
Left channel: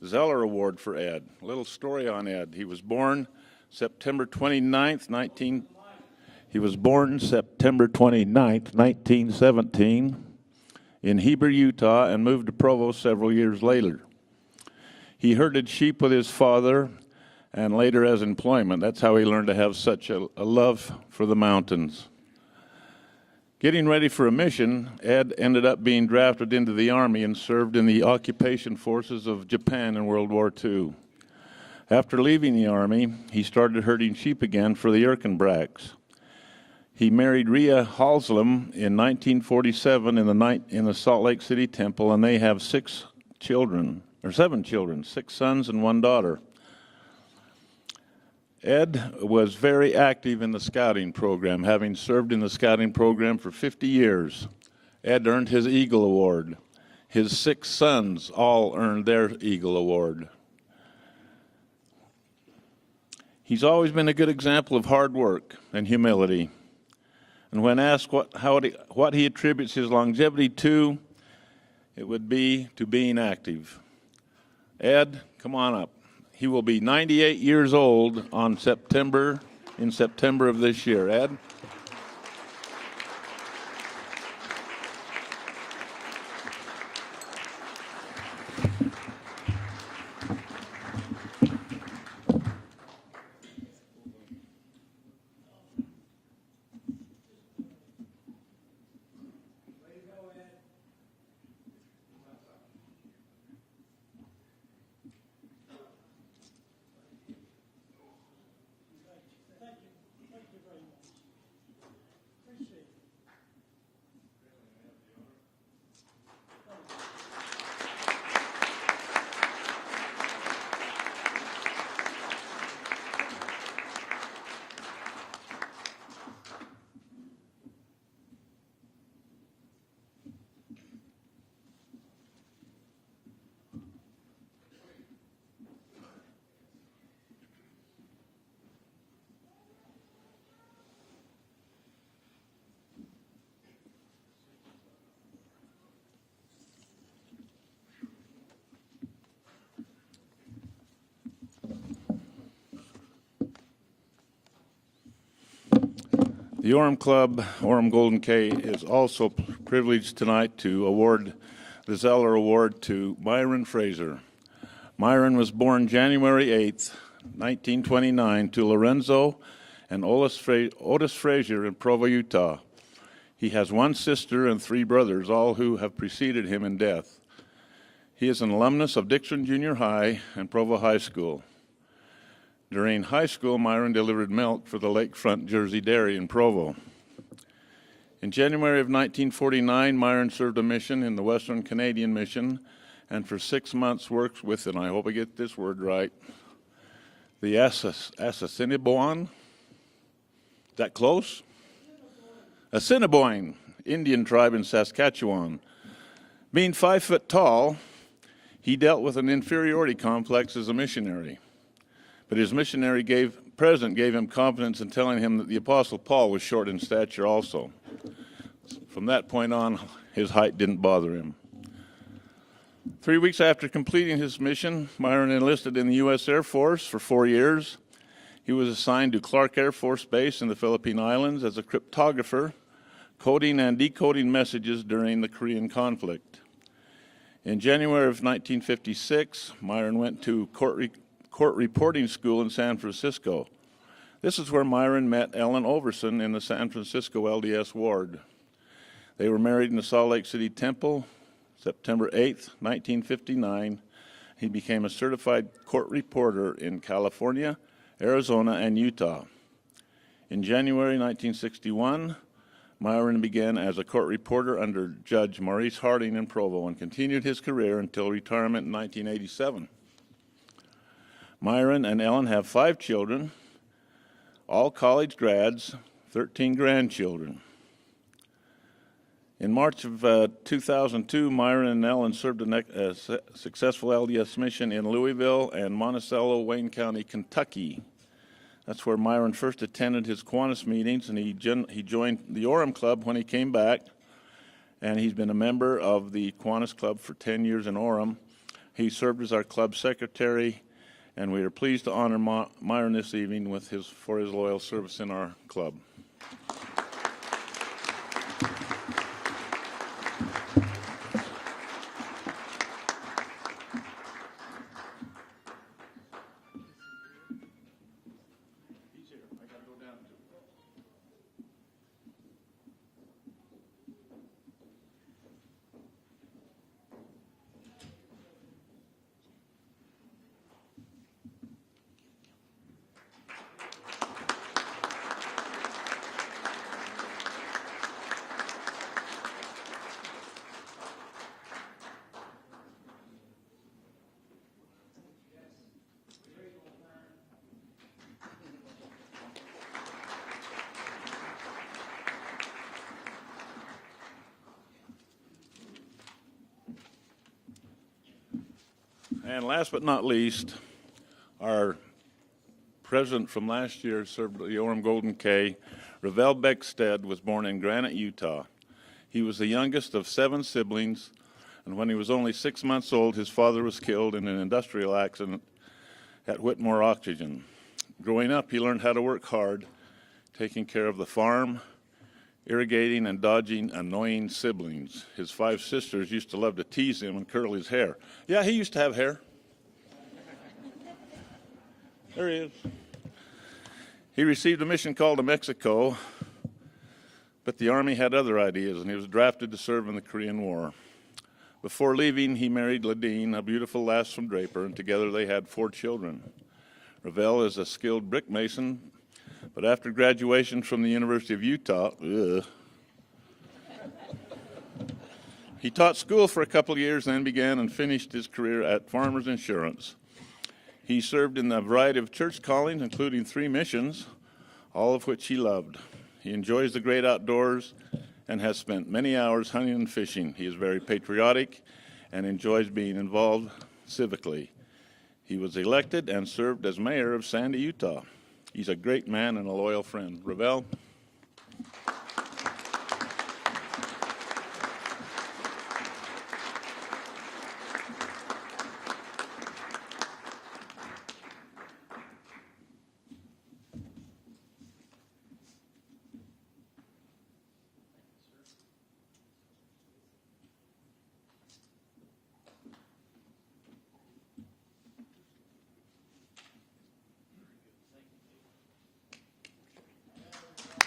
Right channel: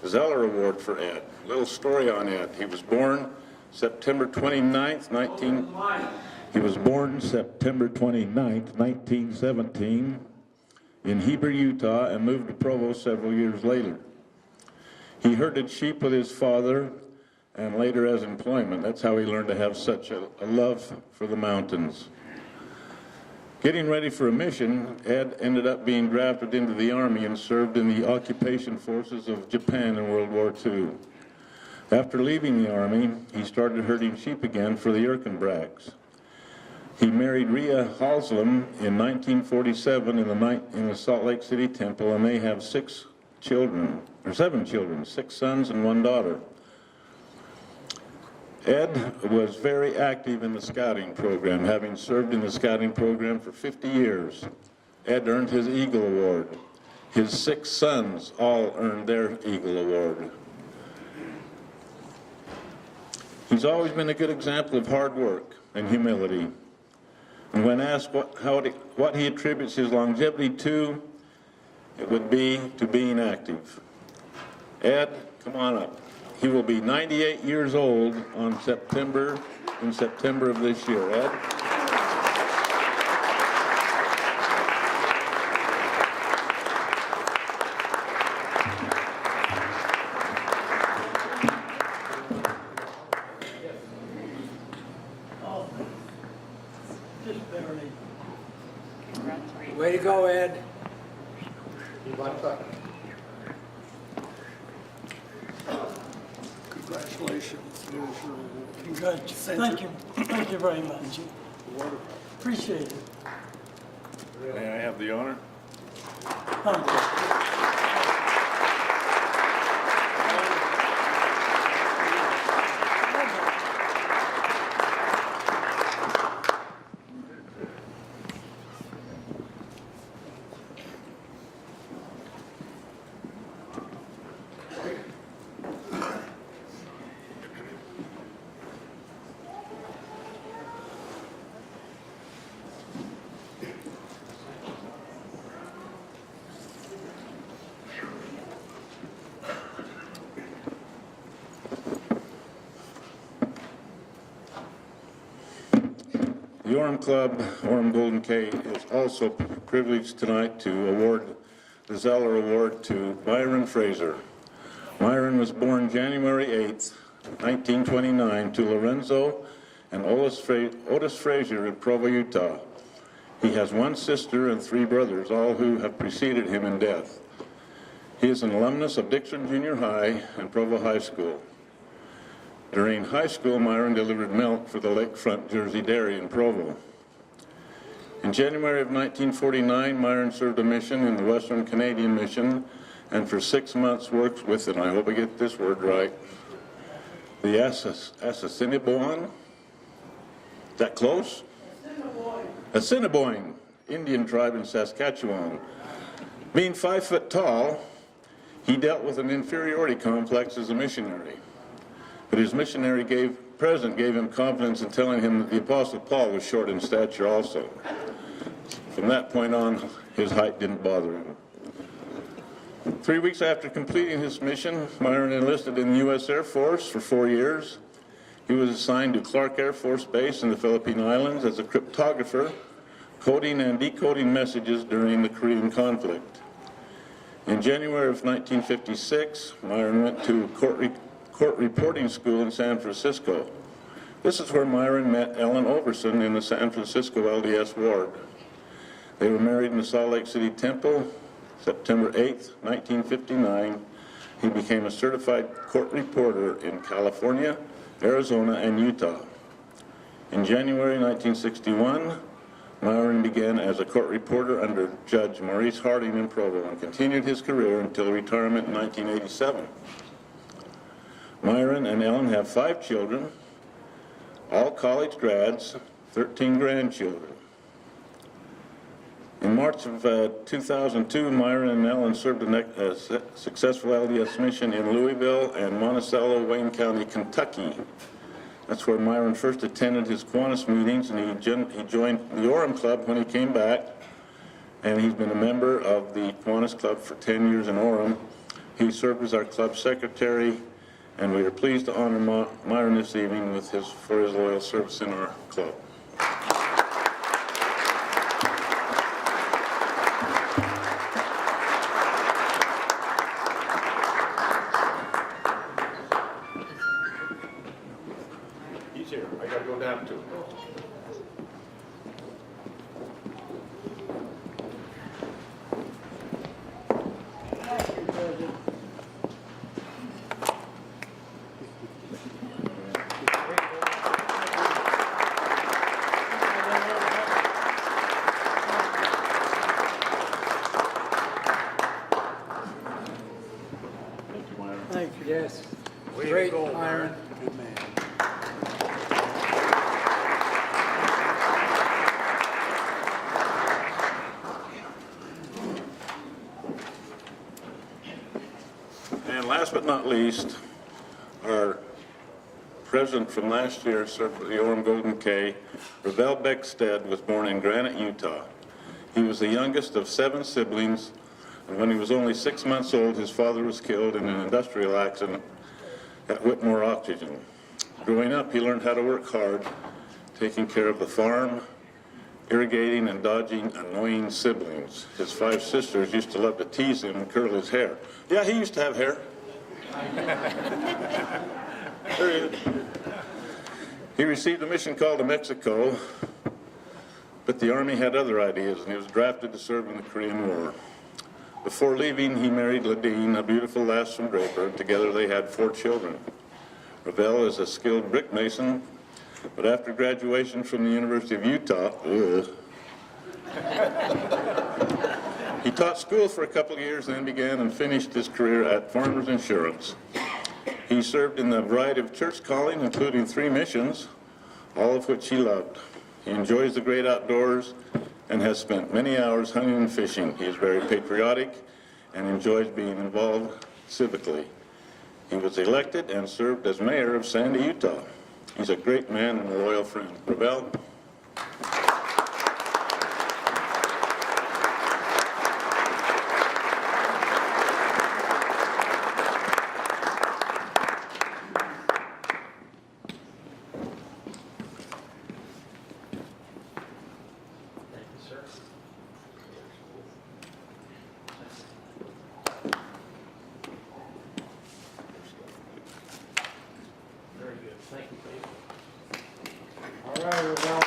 Zeller Award for Ed. A little story on Ed. He was born September 29th, 1917 in Heber, Utah, and moved to Provo several years later. He herded sheep with his father and later as employment. That's how he learned to have such a love for the mountains. Getting ready for a mission, Ed ended up being drafted into the Army and served in the occupation forces of Japan in World War II. After leaving the Army, he started herding sheep again for the Erkenbracks. He married Rhea Halslam in 1947 in the Salt Lake City Temple, and they have 7 children, 6 sons and 1 daughter. Ed was very active in the scouting program, having served in the scouting program for 50 years. Ed earned his Eagle Award. His 6 sons all earned their Eagle Award. He's always been a good example of hard work and humility. And when asked what he attributes his longevity to, it would be to being active. Ed, come on up. He will be 98 years old in September of this year. Ed? Way to go, Ed. Congratulations. Thank you. Thank you very much. Appreciate it. May I have the honor? Thank you. The Orem Club, Orem Golden K, is also privileged tonight to award the Zeller Award to Myron Fraser. Myron was born January 8th, 1929, to Lorenzo and Otis Fraser in Provo, Utah. He has one sister and three brothers, all who have preceded him in death. He is an alumnus of Dixon Junior High and Provo High School. During high school, Myron delivered milk for the Lakefront Jersey Dairy in Provo. In January of 1949, Myron served a mission in the Western Canadian Mission and for 6 months worked with, and I hope I get this word right, the Assiniboine. Is that close? Assiniboine Indian tribe in Saskatchewan. Being 5 foot tall, he dealt with an inferiority complex as a missionary. But his missionary president gave him confidence in telling him that the Apostle Paul was short in stature also. From that point on, his height didn't bother him. 3 weeks after completing his mission, Myron enlisted in the U.S. Air Force for 4 years. He was assigned to Clark Air Force Base in the Philippine Islands as a cryptographer, coding and decoding messages during the Korean conflict. In January of 1956, Myron went to court reporting school in San Francisco. This is where Myron met Ellen Overson in the San Francisco LDS ward. They were married in the Salt Lake City Temple, September 8th, 1959. He became a certified court reporter in California, Arizona, and Utah. In January 1961, Myron began as a court reporter under Judge Maurice Harding in Provo and continued his career until retirement in 1987. Myron and Ellen have 5 children, all college grads, 13 grandchildren. In March of 2002, Myron and Ellen served a successful LDS mission in Louisville and Monticello, Wayne County, Kentucky. That's where Myron first attended his Kiwanis meetings, and he joined the Orem Club when he came back, and he's been a member of the Kiwanis Club for 10 years in Orem. He served as our club secretary, and we are pleased to honor Myron this evening for his loyal service in our club. He's here. I got to go down to him. Thank you. Yes. Great, Myron. Good man. And last but not least, our president from last year served with the Orem Golden K, Ravel Beckstead, was born in Granite, Utah. He was the youngest of 7 siblings, and when he was only 6 months old, his father was killed in an industrial accident at Whitmore Oxygen. Growing up, he learned how to work hard, taking care of the farm, irrigating and dodging annoying siblings. His 5 sisters used to love to tease him and curl his hair. Yeah, he used to have hair. There he is. He received a mission call to Mexico, but the Army had other ideas, and he was drafted to serve in the Korean War. Before leaving, he married Ladine, a beautiful lass from Draper, and together they had 4 children. Ravel is a skilled brick mason, but after graduation from the University of Utah, he taught school for a couple of years, then began and finished his career at Farmers Insurance. He served in a variety of church callings, including 3 missions, all of which he loved. He enjoys the great outdoors and has spent many hours hunting and fishing. He is very patriotic and enjoys being involved civically. He was elected and served as mayor of Sandy, Utah. He's a great man and a loyal friend. Ravel. All right, Ravel.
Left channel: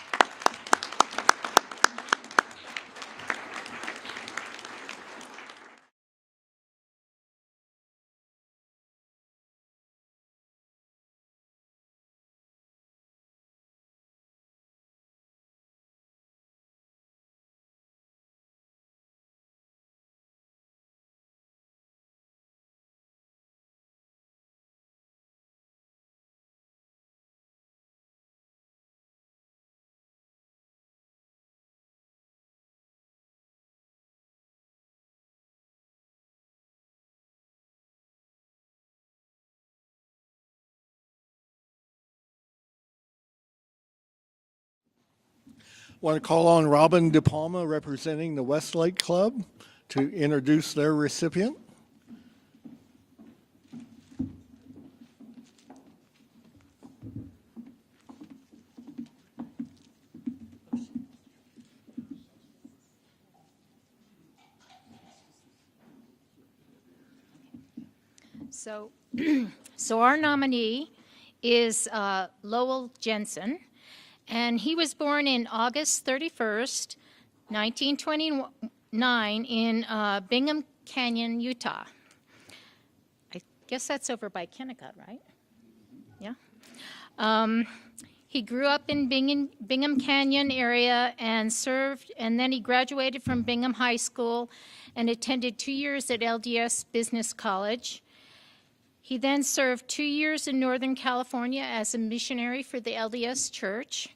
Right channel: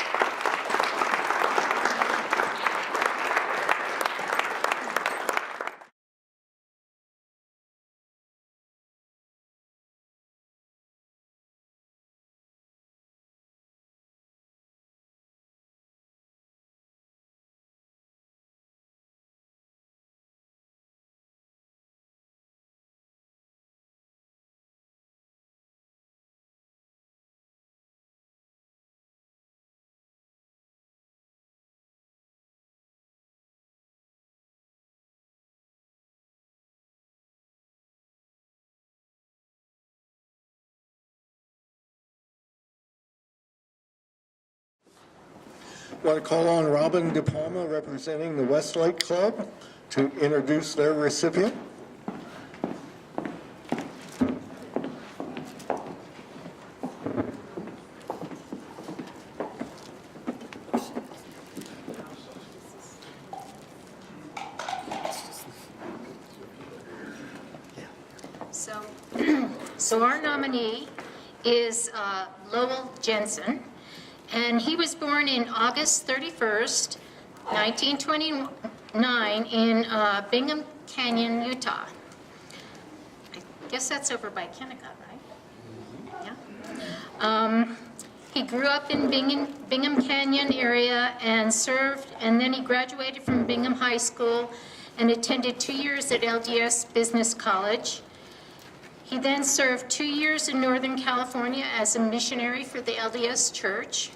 Want to call on Robin De Palma, representing the Westlake Club, to introduce their recipient. So our nominee is Lowell Jensen, and he was born in August 31st, 1929 in Bingham Canyon, Utah. I guess that's over by Kennecott, right? Yeah. He grew up in Bingham Canyon area and served, and then he graduated from Bingham High School and attended 2 years at LDS Business College. He then served 2 years in Northern California as a missionary for the LDS Church.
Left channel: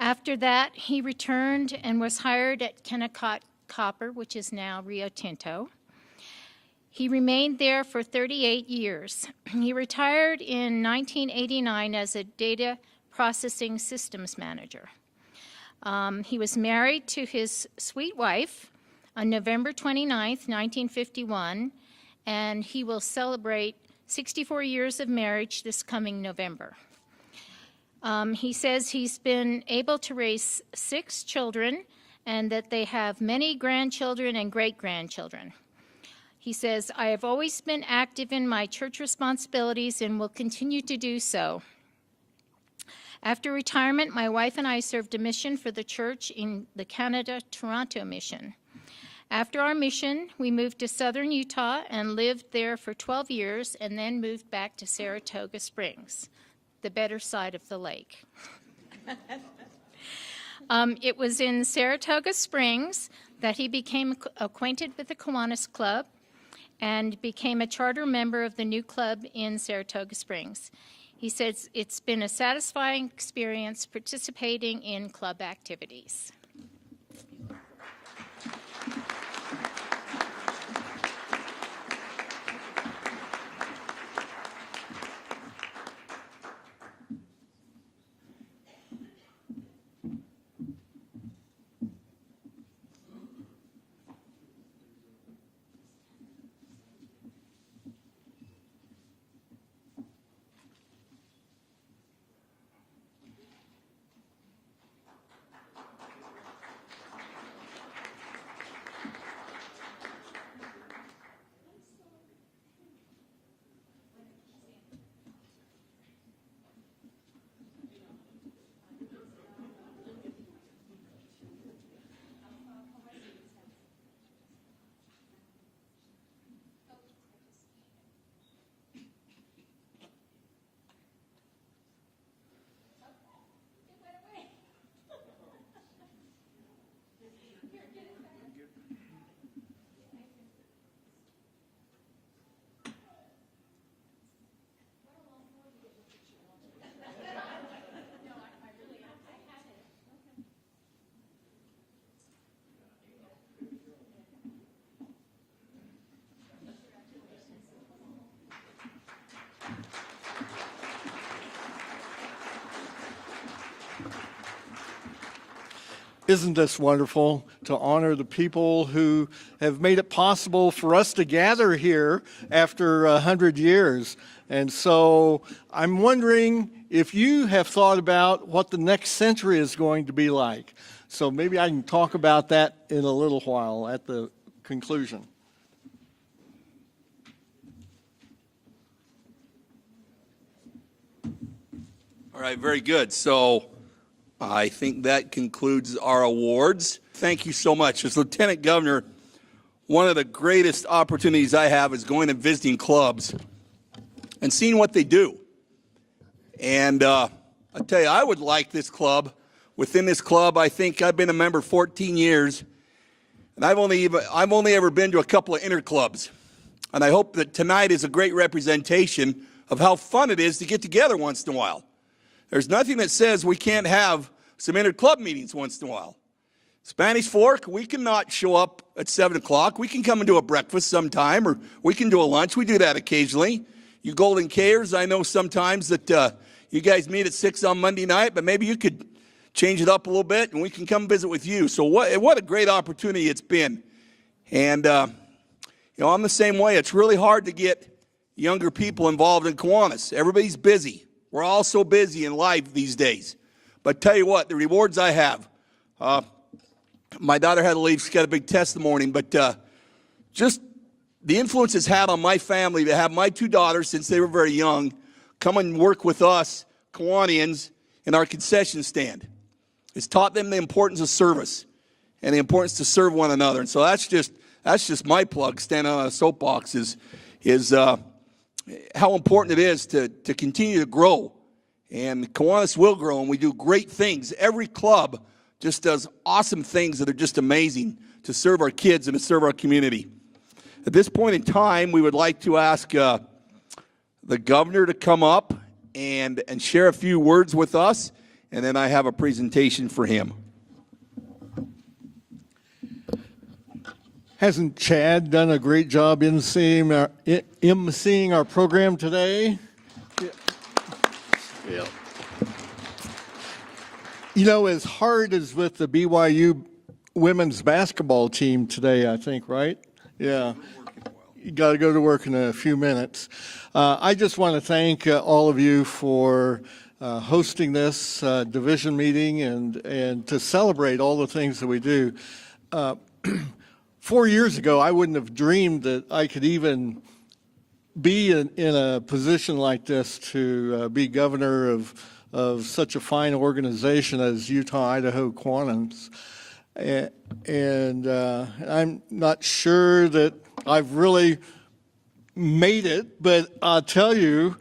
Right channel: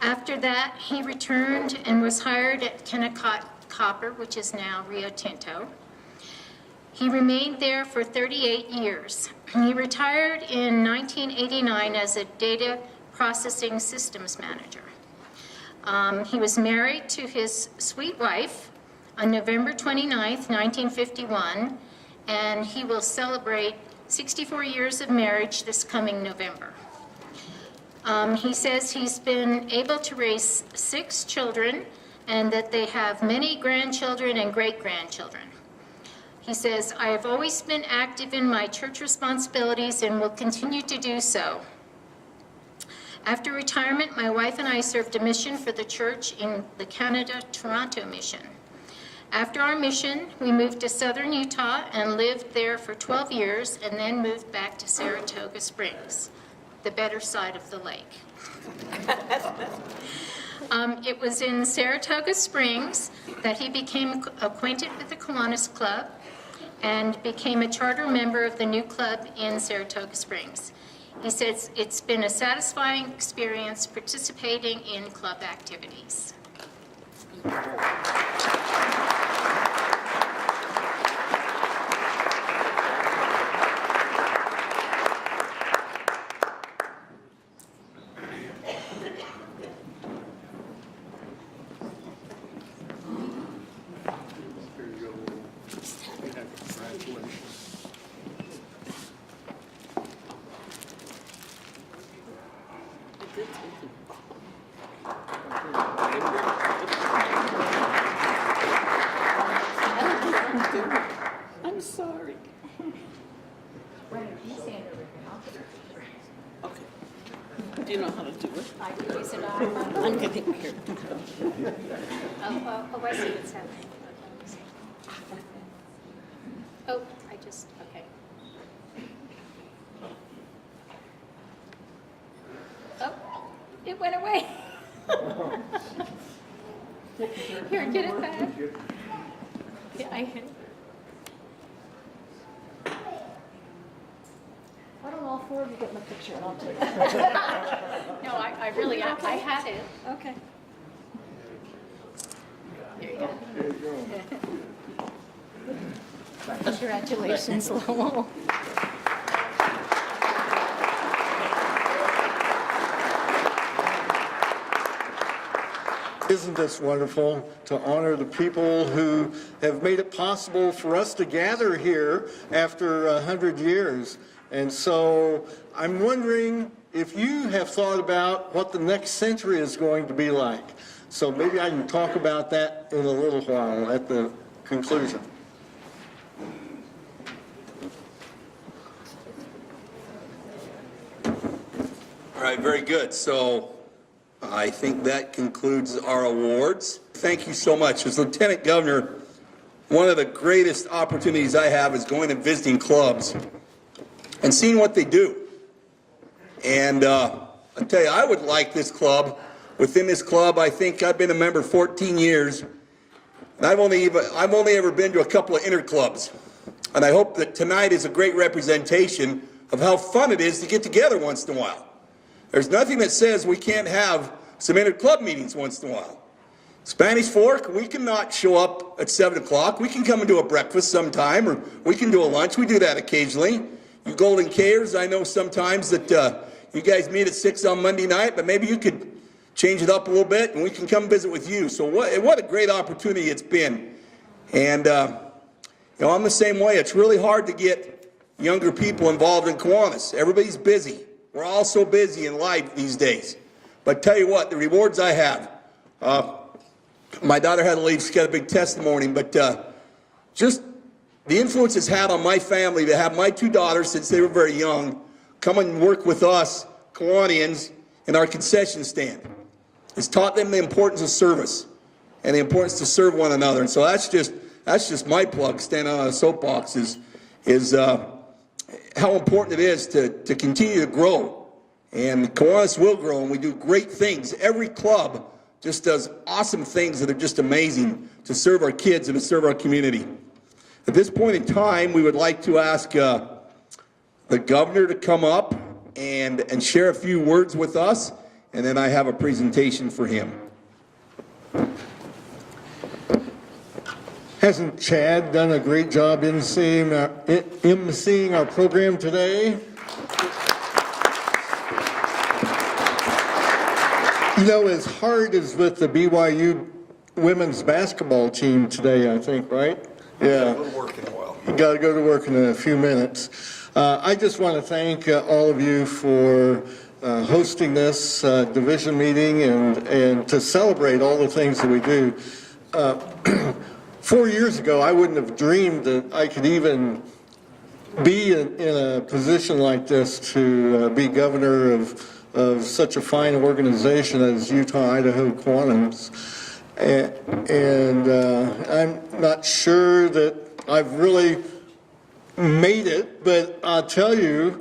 After that, he returned and was hired at Kennecott Copper, which is now Rio Tinto. He remained there for 38 years. He retired in 1989 as a data processing systems manager. He was married to his sweet wife on November 29th, 1951, and he will celebrate 64 years of marriage this coming November. He says he's been able to raise 6 children and that they have many grandchildren and great-grandchildren. He says, I have always been active in my church responsibilities and will continue to do so. After retirement, my wife and I served a mission for the church in the Canada-Toronto mission. After our mission, we moved to southern Utah and lived there for 12 years and then moved back to Saratoga Springs, the better side of the lake. It was in Saratoga Springs that he became acquainted with the Kiwanis Club and became a charter member of the new club in Saratoga Springs. He says it's been a satisfying experience participating in club activities. I'm sorry. Okay. Do you know how to do it? I can use it I'm getting here. Oh, I see what's happening. Oh, I just, okay. It went away. Here, get it back. Yeah, I hit. Why don't all four of you get in the picture and I'll take it? No, I really, I had it. Okay. There you go. Congratulations, Lowell. Isn't this wonderful to honor the people who have made it possible for us to gather here after 100 years? And so I'm wondering if you have thought about what the next century is going to be like. So maybe I can talk about that in a little while at the conclusion. All right, very good. So I think that concludes our awards. Thank you so much. As Lieutenant Governor, one of the greatest opportunities I have is going and visiting clubs and seeing what they do. And I tell you, I would like this club. Within this club, I think I've been a member 14 years, and I've only ever been to a couple of interclubs. And I hope that tonight is a great representation of how fun it is to get together once in a while. There's nothing that says we can't have some inter-club meetings once in a while. Spanish Fork, we cannot show up at 7 o'clock. We can come and do a breakfast sometime, or we can do a lunch. We do that occasionally. You Golden Kayers, I know sometimes that you guys meet at 6 on Monday night, but maybe you could change it up a little bit and we can come visit with you. So what a great opportunity it's been. And you know, I'm the same way. It's really hard to get younger people involved in Kiwanis. Everybody's busy. We're all so busy in life these days. But tell you what, the rewards I have. My daughter had to leave. She's got a big test in the morning. But just the influence it's had on my family to have my two daughters, since they were very young, come and work with us, Kiwanians, in our concession stand. It's taught them the importance of service and the importance to serve one another. And so that's just my plug, standing on a soapbox, is how important it is to continue to grow. And Kiwanis will grow, and we do great things. Every club just does awesome things that are just amazing to serve our kids and to serve our community. At this point in time, we would like to ask the governor to come up and share a few words with us, and then I have a presentation for him. Hasn't Chad done a great job emceeing our program today? You know, as hard as with the BYU women's basketball team today, I think, right? Yeah. You got to go to work in a few minutes. I just want to thank all of you for hosting this division meeting and to celebrate all the things that we do. 4 years ago, I wouldn't have dreamed that I could even be in a position like this to be governor of such a fine organization as Utah-Idaho Kiwanis. And I'm not sure that I've really made it, but I'll tell you,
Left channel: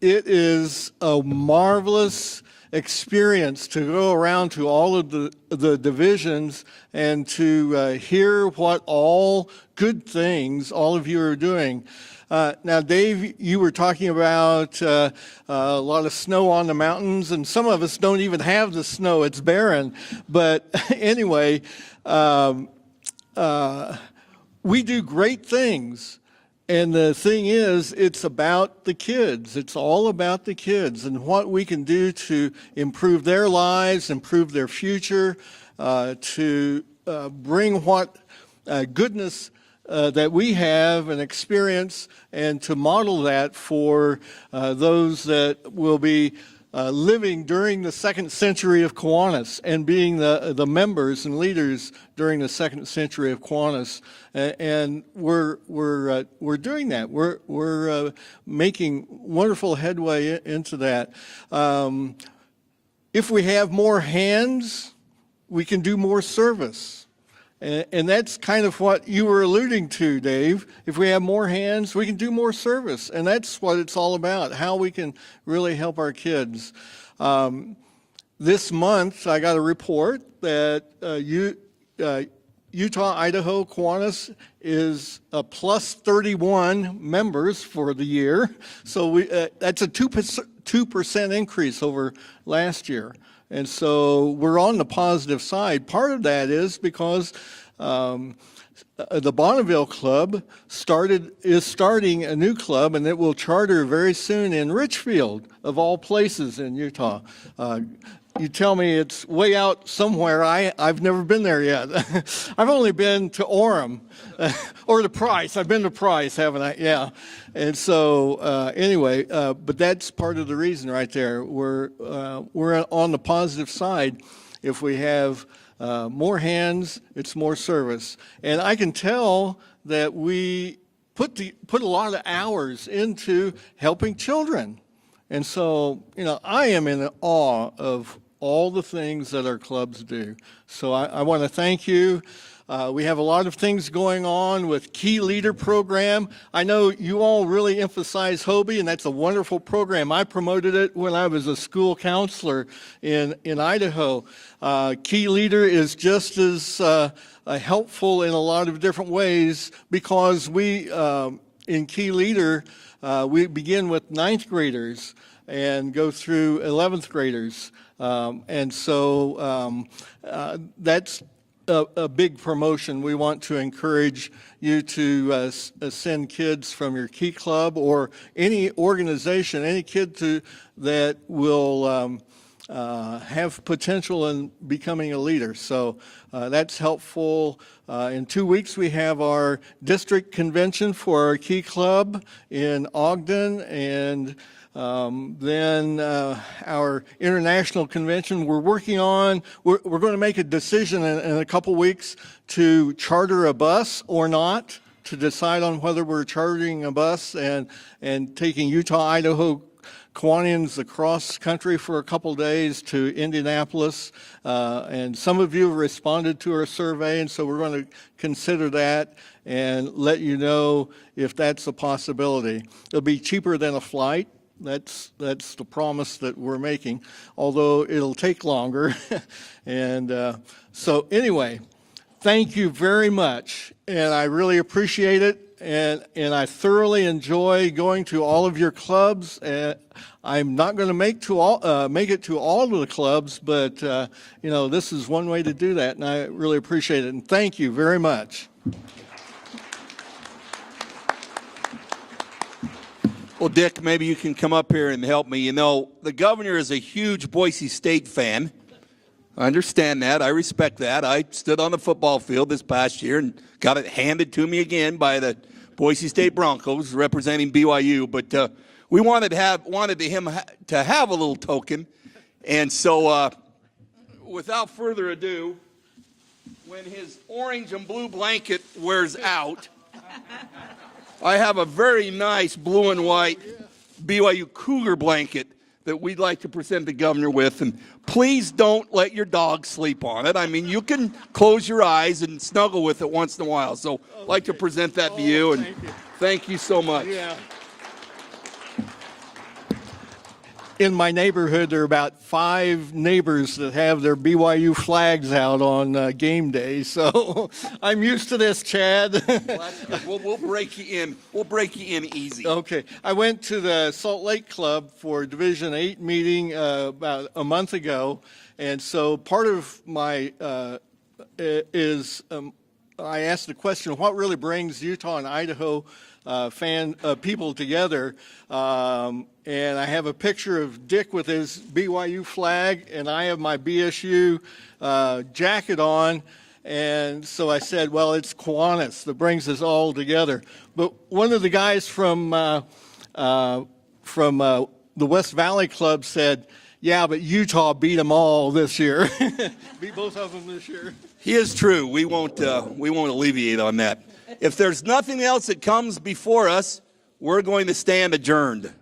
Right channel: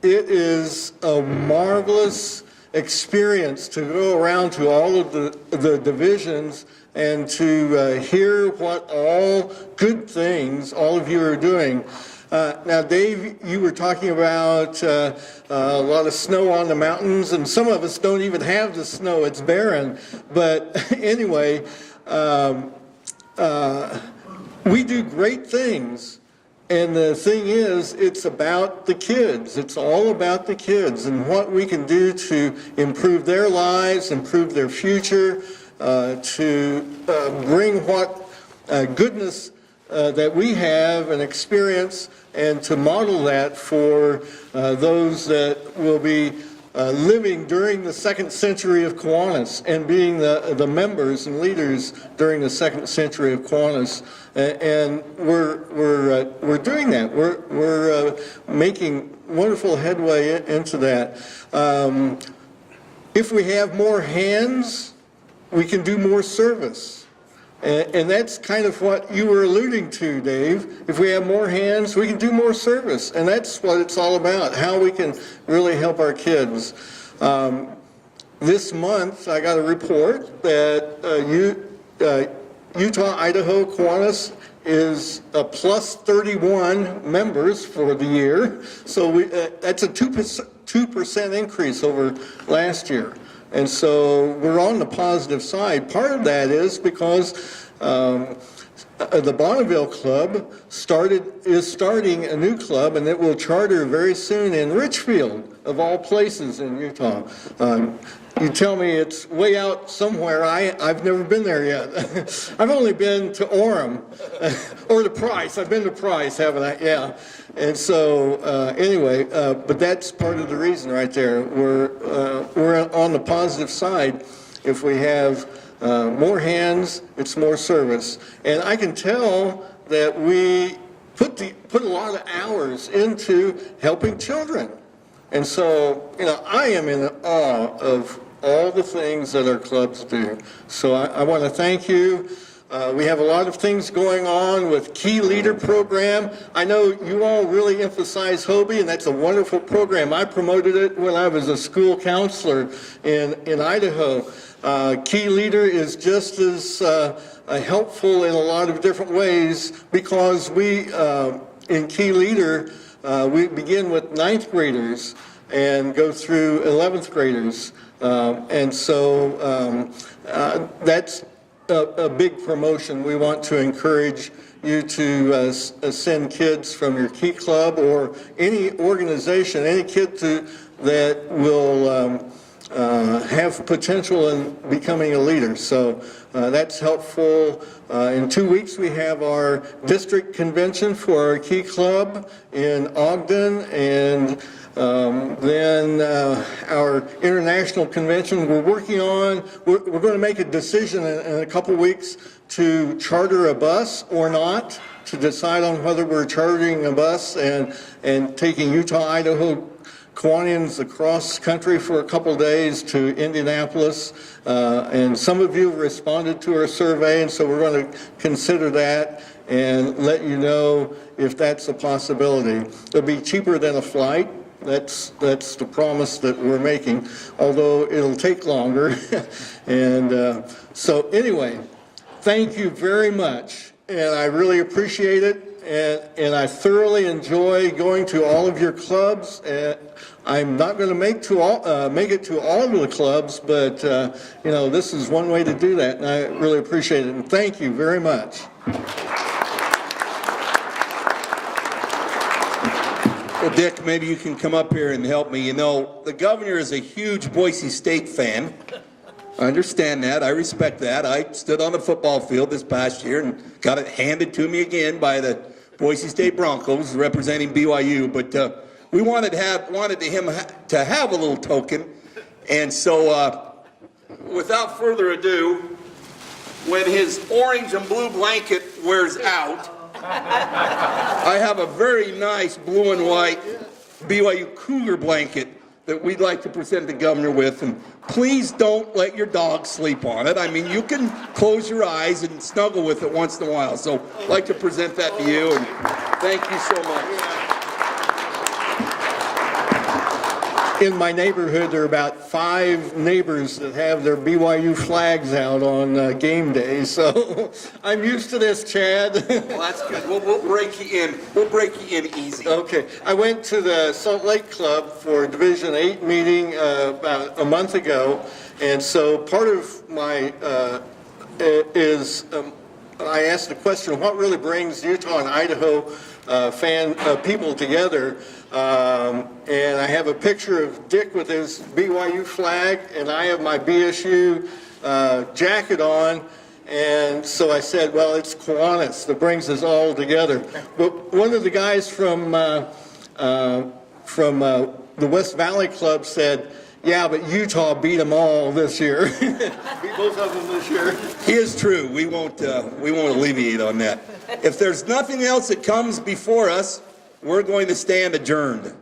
it is a marvelous experience to go around to all of the divisions and to hear what all good things all of you are doing. Now, Dave, you were talking about a lot of snow on the mountains, and some of us don't even have the snow. It's barren. But anyway, we do great things. And the thing is, it's about the kids. It's all about the kids and what we can do to improve their lives, improve their future, to bring what goodness that we have and experience, and to model that for those that will be living during the second century of Kiwanis and being the members and leaders during the second century of Kiwanis. And we're doing that. We're making wonderful headway into that. If we have more hands, we can do more service. And that's kind of what you were alluding to, Dave. If we have more hands, we can do more service. And that's what it's all about, how we can really help our kids. this month, I got a report that Utah-Idaho Kiwanis is a plus 31 members for the year. So that's a 2% increase over last year. And so we're on the positive side. Part of that is because the Bonneville Club is starting a new club, and it will charter very soon in Richfield, of all places in Utah. You tell me it's way out somewhere. I've never been there yet. I've only been to Orem, or to Price. I've been to Price, haven't I? Yeah. And so anyway, but that's part of the reason right there. We're on the positive side. If we have more hands, it's more service. And I can tell that we put a lot of hours into helping children. And so, I am in awe of all the things that our clubs do. So I want to thank you. We have a lot of things going on with Key Leader program. I know you all really emphasize Hobie, and that's a wonderful program. I promoted it when I was a school counselor in Idaho. Key Leader is just as helpful in a lot of different ways, because we, in Key Leader, we begin with 9th graders and go through 11th graders. And so that's a big promotion. We want to encourage you to send kids from your Key Club or any organization, any kid that will have potential in becoming a leader. So that's helpful. In 2 weeks, we have our district convention for our Key Club in Ogden, and then our international convention we're working on. We're going to make a decision in a couple weeks to charter a bus or not, to decide on whether we're chartering a bus and taking Utah-Idaho Kiwanians across country for a couple days to Indianapolis. And some of you have responded to our survey, and so we're going to consider that and let you know if that's a possibility. It'll be cheaper than a flight. That's the promise that we're making, although it'll take longer. And so anyway, thank you very much, and I really appreciate it. And I thoroughly enjoy going to all of your clubs. I'm not going to make it to all of the clubs, but this is one way to do that, and I really appreciate it. And thank you very much. Well, Dick, maybe you can come up here and help me. The governor is a huge Boise State fan. I understand that. I respect that. I stood on the football field this past year and got it handed to me again by the Boise State Broncos representing BYU. But we wanted him to have a little token. And so without further ado, when his orange and blue blanket wears out, I have a very nice blue and white BYU Cougar blanket that we'd like to present the governor with. And please don't let your dog sleep on it. I mean, you can close your eyes and snuggle with it once in a while. So I'd like to present that to you, and thank you so much. In my neighborhood, there are about 5 neighbors that have their BYU flags out on game day, so I'm used to this, Chad. Well, that's good. We'll break you in. We'll break you in easy. Okay. I went to the Salt Lake Club for Division 8 meeting about a month ago, and so part of my I asked the question, what really brings Utah and Idaho people together? And I have a picture of Dick with his BYU flag, and I have my BSU jacket on. And so I said, well, it's Kiwanis that brings us all together. But one of the guys from the West Valley Club said, yeah, but Utah beat them all this year. Beat both of them this year. He is true. We won't alleviate on that. If there's nothing else that comes before us, we're going to stand adjourned.